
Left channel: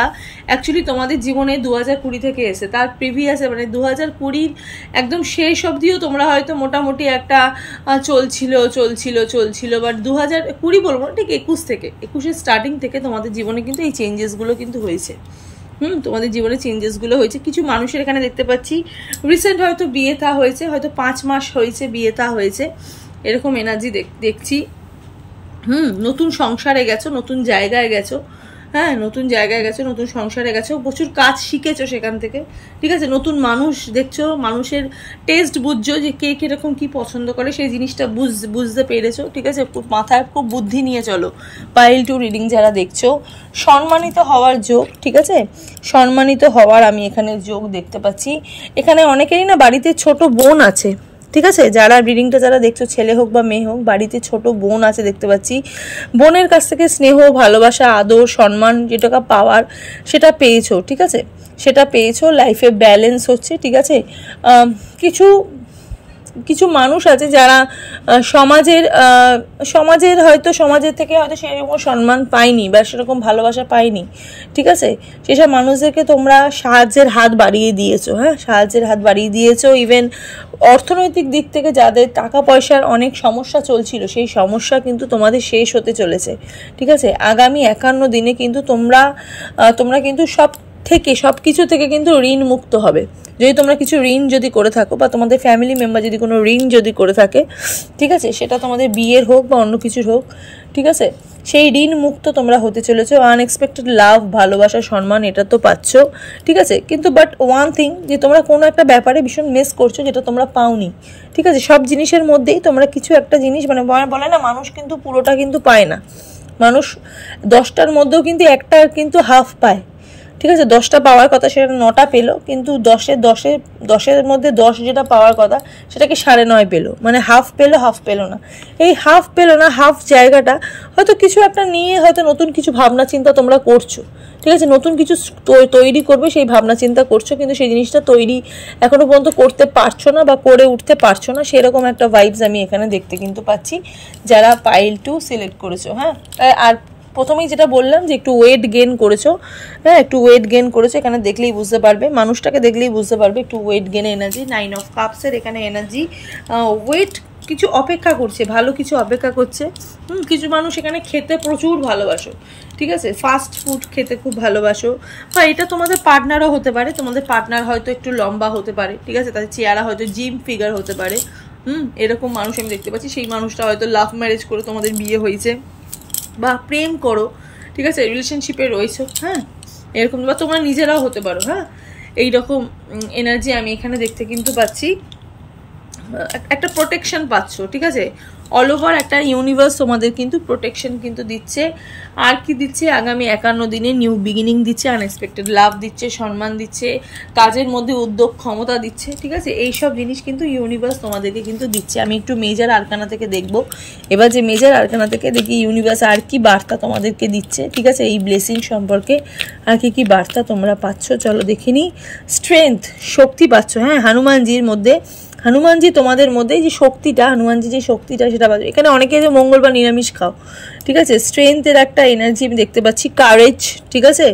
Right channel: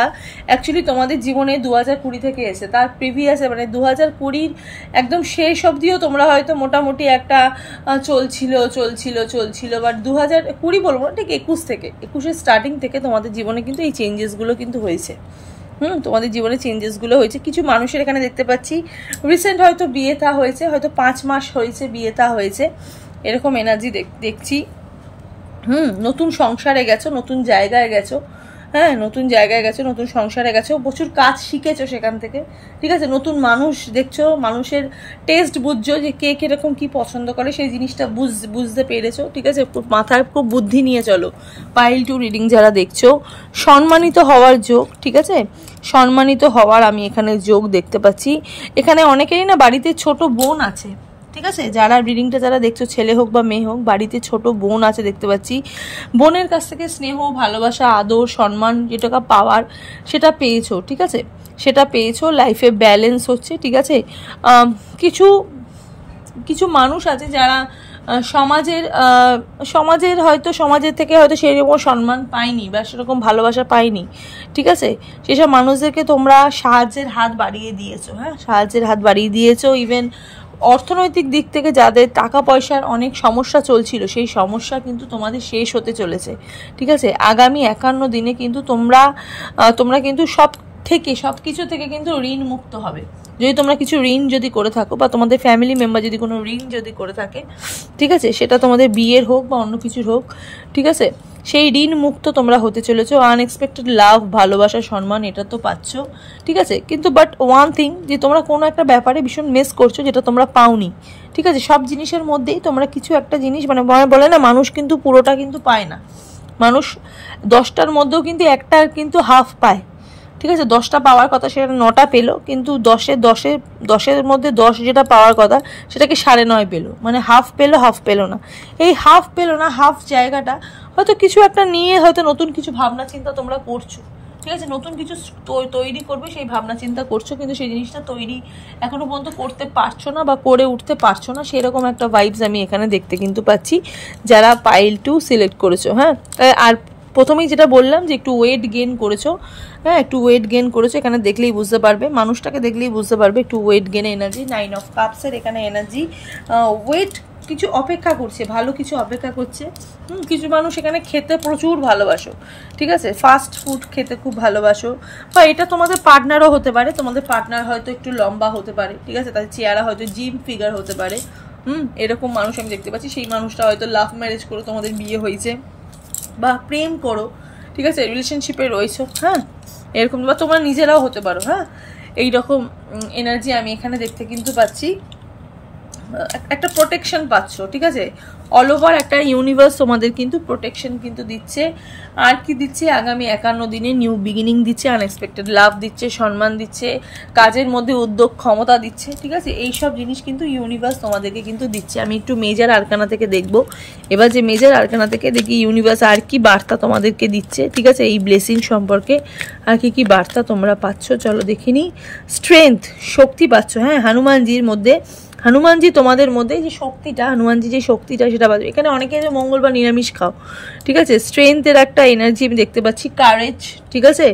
অ্যাকচুয়ালি তোমাদের জীবনে 2020 থেকে এসে, তার প্রিভিয়াসে মানে 2020 একদম শেষ অবধিও তোমরা হয়তো মোটামুটি একটা চলছিল, বাট 2020 বলবো না, ঠিক 21 স্টার্টিং থেকে তোমাদের জীবনে কিন্তু এই চেঞ্জেসগুলো কিন্তু হয়েছে। তোমাদের জীবনে চেঞ্জেসগুলো হয়েছে। কিছু মানুষের এখানে দেখতে পাচ্ছি রিসেন্ট হয়তো বিয়ে থা হয়েছে, হয়তো 5 মাস হয়েছে বিয়ে থা হয়েছে, এরকম এনার্জি দেখছি। নতুন সংসারে গেছো, নতুন জায়গায় গেছো, হ্যাঁ, নতুন জায়গায় গেছো, নতুন সংসারে গেছো, প্রচুর কাজ শিখেছো সেখান থেকে, ঠিক আছে, নতুন মানুষ দেখছো, মানুষের টেস্ট বুঝছো, যে কে কিরকম কি পছন্দ করে সেই জিনিসটা বুঝতে পেরেছো, ঠিক আছে, মাথায় খুব বুদ্ধি নিয়ে চলো। পাইল 2 রিডিং যারা দেখছো, সম্মানিত হওয়ার যোগ, ঠিক আছে, সম্মানিত হওয়ার আমি এখানে যোগ দেখতে পাচ্ছি। এখানে অনেকেরই না বাড়িতে ছোট বোন আছে, ঠিক আছে, যারা রিডিংটা যারা দেখছো, ছেলে হোক বা মেয়ে হোক, বাড়িতে ছোট বোন আছে দেখতে পাচ্ছি। বোনের কাছ থেকে স্নেহ, ভালোবাসা, আদর, সম্মান যেটা পাওয়ার সেটা পেয়েছো, ঠিক আছে, সেটা পেয়েছো। লাইফে ব্যালেন্স হচ্ছে, ঠিক আছে। কিছু মানুষ আছে যারা সমাজের থেকে হয়তো সেরকম সম্মান পায়নি বা সেরকম ভালোবাসা পায়নি, ঠিক আছে, সেসব মানুষদেরকে তোমরা সাহায্যের হাত বাড়িয়ে দিয়েছো, হ্যাঁ, সাহায্যের হাত বাড়িয়ে দিয়েছো। ইভেন অর্থনৈতিক দিক থেকে যাদের টাকা পয়সার অনেক সমস্যা চলছিল, সেই সমস্যা কিন্তু তোমাদের শেষ হতে চলেছে, ঠিক আছে। আগামী 51 দিনে কিন্তু তোমরা কিন্তু সব কিছু থেকে কিন্তু ঋণ মুক্ত হবে। যদি তোমরা কিছু ঋণ যদি করে থাকো, বা তোমাদের ফ্যামিলি মেম্বার যদি কোনো ঋণ যদি করে থাকে, ঠিক আছে, সেটা তোমাদের বিয়ের হোক বা অন্য কিছুর হোক, ঠিক আছে, সেই ঋণ মুক্ত তোমরা হতে চলেছো। আনএক্সপেক্টেড লাভ, ভালোবাসা, সম্মান এটা তো পাচ্ছ, ঠিক আছে, কিন্তু বাট ওয়ান থিং, যে তোমরা কোনো একটা ব্যাপারে ভীষণ মিস করছো যেটা তোমরা পাওনি, ঠিক আছে। সব জিনিসের মধ্যেই তোমরা কিছু একটা জিনিস, মানে বলে না, মানুষ কিন্তু পুরোটা কিন্তু পায় না, মানুষ 10টার মধ্যেও কিন্তু একটা কিন্তু হাফ পায়, ঠিক আছে। 10টা পাওয়ার কথা সেটা 9টা পেলো, কিন্তু 10-10-10-10-এর মধ্যে 10 যেটা পাওয়ার কথা সেটাকে 9.5 পেলো, মানে হাফ পেলো না। এই হাফ পেলো না, হাফ জায়গাটা হয়তো কিছু একটা নিয়ে হয়তো নতুন কিছু ভাবনা চিন্তা তোমরা করছো, ঠিক আছে, নতুন কিছু তৈরি করবে সেই ভাবনা চিন্তা করছো, কিন্তু সেই জিনিসটা তৈরি এখনো পর্যন্ত করতে পারছো না বা করে উঠতে পারছো না, সেরকম একটা ভাইবস আমি এখানে দেখতে কিন্তু পাচ্ছি যারা পাইল 2 সিলেক্ট করেছো, হ্যাঁ। আর প্রথমেই যেটা বললাম যে একটু ওয়েট গেইন করেছো, হ্যাঁ, একটু ওয়েট গেইন করেছো, এখানে দেখলেই বুঝতে পারবে, মানুষটাকে দেখলেই বুঝতে পারবে একটু ওয়েট গেইন এনার্জি। 9 অফ কাপসের এখানে এনার্জি, ওয়েট কিছু অপেক্ষা করছে, ভালো কিছু অপেক্ষা করছে। কিছু মানুষ এখানে খেতে প্রচুর ভালোবাসো, ঠিক আছে, ফাস্ট ফুড খেতে খুব ভালোবাসো, বা এটা তোমাদের পার্টনারও হতে পারে, তোমাদের পার্টনার হয়তো একটু লম্বা হতে পারে, ঠিক আছে, তাদের চেহারা হয়তো জিম ফিগার হতে পারে, এরকম মানুষ আমি দেখতে পাচ্ছি। সেই মানুষটা হয়তো লাভ ম্যারেজ করে তোমাদের বিয়ে হয়েছে, বা প্রেম করো, ঠিক আছে, রিলেশনশিপে রয়েছো, হ্যাঁ, এরকম, বা তোমরা নিজেরাও হতে পারো, হ্যাঁ, এইরকম এনার্জি আমি এখানে দেখতে কিন্তু পাচ্ছি। একটা প্রোটেকশন পাচ্ছ, ঠিক আছে, অল ওভার একটা ইউনিভার্স তোমাদের কিন্তু প্রোটেকশন কিন্তু দিচ্ছে। আর কি দিচ্ছে, আগামী 51 দিনে নিউ বিগিনিং দিচ্ছে, আনএক্সপেক্টেড লাভ দিচ্ছে, সম্মান দিচ্ছে, কাজের মধ্যে উদ্যোগ ক্ষমতা দিচ্ছে, ঠিক আছে, এইসব জিনিস কিন্তু ইউনিভার্স তোমাদেরকে কিন্তু দিচ্ছে। আমি একটু মেজর আরকানা থেকে দেখবো এবার, যে মেজর আরকানা থেকে দেখি ইউনিভার্স আর কি বার্তা তোমাদেরকে দিচ্ছে, ঠিক আছে, এই ব্লেসিং সম্পর্কে আর কি বার্তা তোমরা পাচ্ছ, চলো দেখিনি। স্ট্রেংথ, শক্তি পাচ্ছ, হ্যাঁ, হনুমানজির মধ্যে হনুমানজি তোমাদের মধ্যে যে শক্তিটা, হনুমানজি যে শক্তিটা সেটা বাজবে। এখানে অনেকে যে মঙ্গলবার নিরামিষ খাও, ঠিক আছে। স্ট্রেংথের একটা এনার্জি আমি দেখতে পাচ্ছি, কারেজ, ঠিক আছে,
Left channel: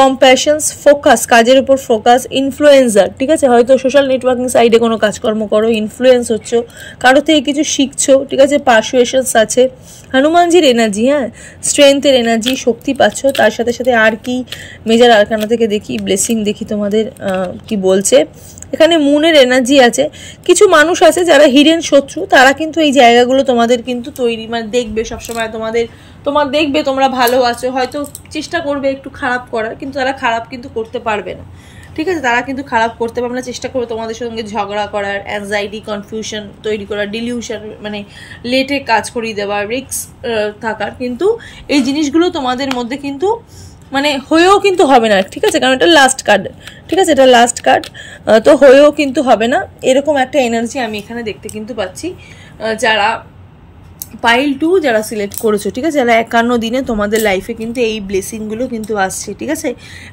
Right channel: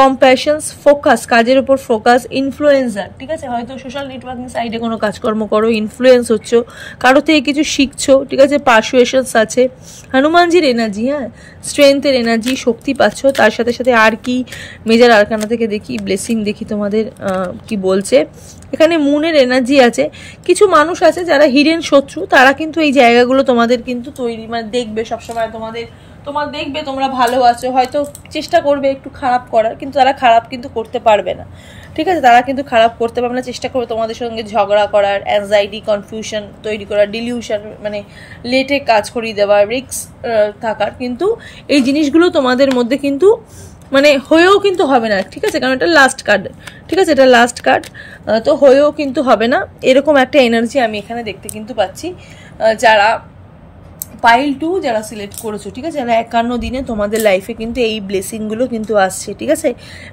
কম্প্যাশনস, ফোকাস, কাজের উপর ফোকাস, ইনফ্লুয়েন্সার, ঠিক আছে। হয়তো সোশ্যাল নেটওয়ার্কিং সাইডে কোনো কাজকর্ম করো, ইনফ্লুয়েন্স হচ্ছ, কারো থেকে কিছু শিখছো, ঠিক আছে। পারসুয়েশনস আছে, হনুমানজির এনার্জি, হ্যাঁ, স্ট্রেংথের এনার্জি, শক্তি পাচ্ছ। তার সাথে সাথে আর কি মেজার আরকানা থেকে দেখি, ব্লেসিং দেখি তোমাদের কি বলছে। এখানে মুনের এনার্জি আছে। কিছু মানুষ আছে যারা হিডেন শত্রু, তারা কিন্তু এই জায়গাগুলো তোমাদের কিন্তু তৈরি, মানে দেখবে সবসময় তোমার দেখবে তোমরা ভালো আছো, হয়তো চেষ্টা করবে একটু খারাপ করার, কিন্তু তারা খারাপ কিন্তু করতে পারবে না, ঠিক আছে। তারা কিন্তু খারাপ করতে পারবে না, চেষ্টা করবে তোমাদের সঙ্গে ঝগড়া করার, অ্যাংজাইটি, কনফিউশন তৈরি করার, ডিলিউশন, মানে লেটে কাজ করিয়ে দেওয়ার, রিস্ক থাকার, কিন্তু এই জিনিসগুলো তোমাদের মধ্যে কিন্তু মানে হয়েও কিন্তু হবে না, ঠিক আছে। কারণ এটা লাস্ট কার্ড, ঠিক আছে, এটা লাস্ট কার্ড, তো হয়েও কিন্তু হবে না, এরকম একটা এনার্জি আমি এখানে দেখতে কিন্তু পাচ্ছি। যারা পাইল 2 যারা সিলেক্ট করেছো, ঠিক আছে, যারা 51 দিনে তোমাদের লাইফে কিন্তু এই ব্লেসিংগুলো কিন্তু আসছে, ঠিক আছে।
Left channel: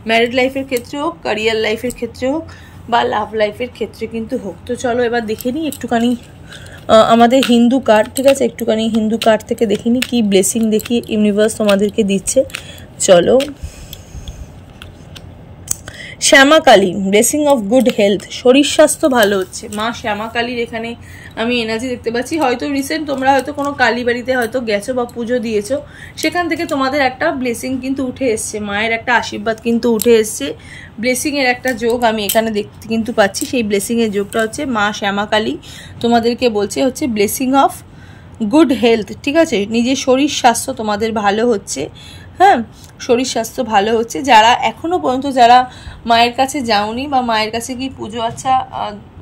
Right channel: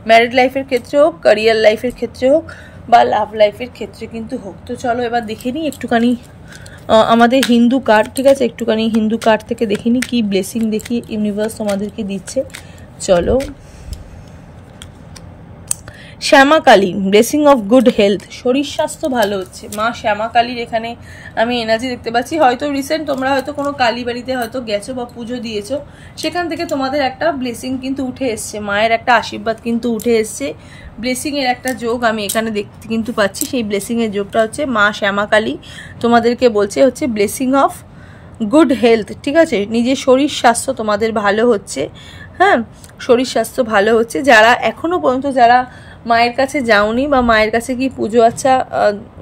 ম্যারিড লাইফের ক্ষেত্রে হোক, ক্যারিয়ার লাইফের ক্ষেত্রে হোক, বা লাভ লাইফের ক্ষেত্রে কিন্তু হোক। তো চলো এবার দেখে নিই একটুখানি আমাদের হিন্দু কার্ড, ঠিক আছে, একটুখানি হিন্দু কার্ড থেকে দেখে নিই কি ব্লেসিং দেখি ইউনিভার্স তোমাদেরকে দিচ্ছে। চলো, Shyama Kali, blessing of good health, শরীর স্বাস্থ্য ভালো হচ্ছে। মা শ্যামা কালীর এখানে আমি এনার্জি দেখতে পাচ্ছি। হয়তো রিসেন্ট তোমরা হয়তো কোনো কালী বাড়িতে হয়তো গেছো বা পুজো দিয়েছো, সেখান থেকে তোমাদের একটা ব্লেসিং কিন্তু উঠে এসছে, মায়ের একটা আশীর্বাদ কিন্তু উঠে এসছে, ব্লেসিংয়ের একটা যোগ আমি এখানে দেখতে কিন্তু পাচ্ছি। সেই ব্লেসিংয়ের যোগটা হচ্ছে মা শ্যামা কালী তোমাদেরকে বলছে হচ্ছে ব্লেসিং অফ গুড হেলথ, ঠিক আছে। নিজের শরীর স্বাস্থ্য তোমাদের ভালো হচ্ছে, হ্যাঁ, শরীর স্বাস্থ্য ভালো হচ্ছে। যারা এখনো পর্যন্ত যারা মায়ের কাছে যাওনি বা মায়ের কাছে কি পুজো আচ্ছা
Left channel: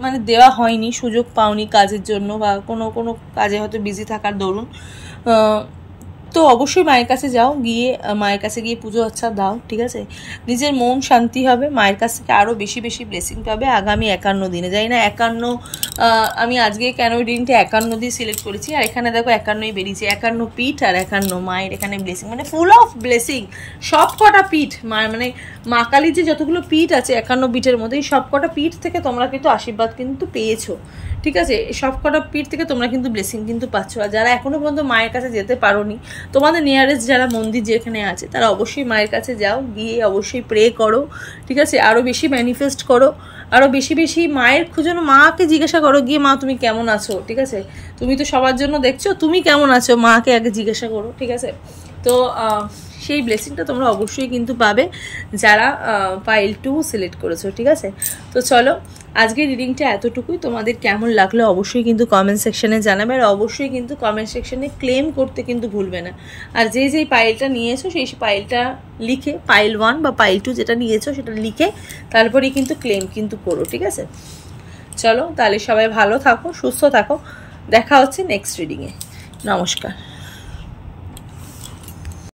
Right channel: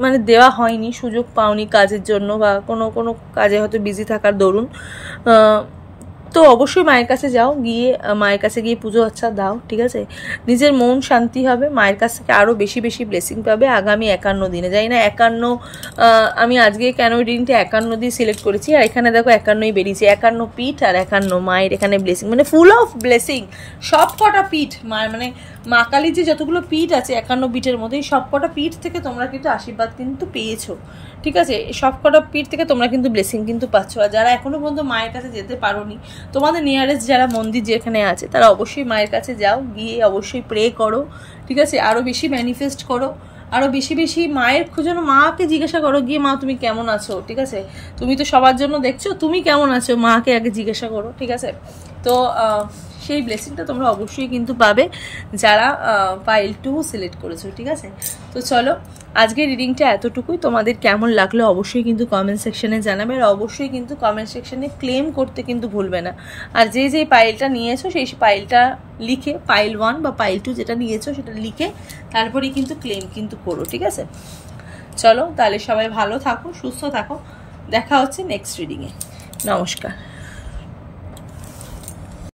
মানে দেওয়া হয়নি, সুযোগ পাওনি কাজের জন্য বা কোনো কাজে হয়তো বিজি থাকার দরুন, তো অবশ্যই মায়ের কাছে যাও, গিয়ে মায়ের কাছে গিয়ে পুজো আচ্ছা দাও, ঠিক আছে। নিজের মন শান্তি হবে, মায়ের কাছ থেকে আরও বেশি বেশি ব্লেসিং পাবে আগামী 51 দিনে। জানি না 51, আমি আজকে কেন রিডিংটা 51 দিয়ে সিলেক্ট করেছি, আর এখানে দেখো 51ই বেরিয়েছে, 51 পিঠ আর 51 মায়ের এখানে ব্লেসিং, মানে ফুল অফ ব্লেসিং। সব কটা পিঠ মায়ের, মানে মা কালীর যে যতগুলো পিঠ আছে 51 পিঠের মধ্যে, এই সব কটা পিঠ থেকে তোমরা কিন্তু আশীর্বাদ কিন্তু পেয়েছো, ঠিক আছে। সব কটা পিঠ থেকে তোমরা কিন্তু ব্লেসিং কিন্তু পাচ্ছ। আর যারা এখনো পর্যন্ত মায়ের কাছে যেতে পারোনি, তোমাদের নিয়ারেস্ট যারা মন্দির যেখানে আছে তারা অবশ্যই মায়ের কাছে যাও, গিয়ে অবশ্যই প্রে করো, ঠিক আছে। আরও বেশি ম্যানিফেস্ট করো, আরও বেশি বেশি মায়ের খুঁজো, মাকে জিজ্ঞাসা করো গিয়ে, মা তুমি কেমন আছো, ঠিক আছে। তুমি তো সবার জন্য দেখছো, তুমি কেমন আছো, মাকে আগে জিজ্ঞাসা করো, ঠিক আছে। তো সেই ব্লেসিংটা তোমরা অবশ্যই কিন্তু পাবে যারা পাইল 2 সিলেক্ট করেছো, ঠিক আছে। তো চলো আজকের রিডিংটা এতটুকুই। তোমাদের কেমন লাগলো অবশ্যই কিন্তু কমেন্ট সেকশনে জানাবে, আর অবশ্যই কিন্তু কমেন্ট সেকশনে ক্লেম করতে কিন্তু ভুলবে না। আর যেই পাইলটা নিয়েছো সেই পাইলটা লিখে, পাইল 1 বা পাইল 2 যেটা নিয়েছো সেটা লিখে তারপরেই কিন্তু ক্লেম কিন্তু করো, ঠিক আছে। চলো তাহলে সবাই ভালো থাকো, সুস্থ থাকো, দেখা হচ্ছে নেক্সট রিডিংয়ে। নমস্কার।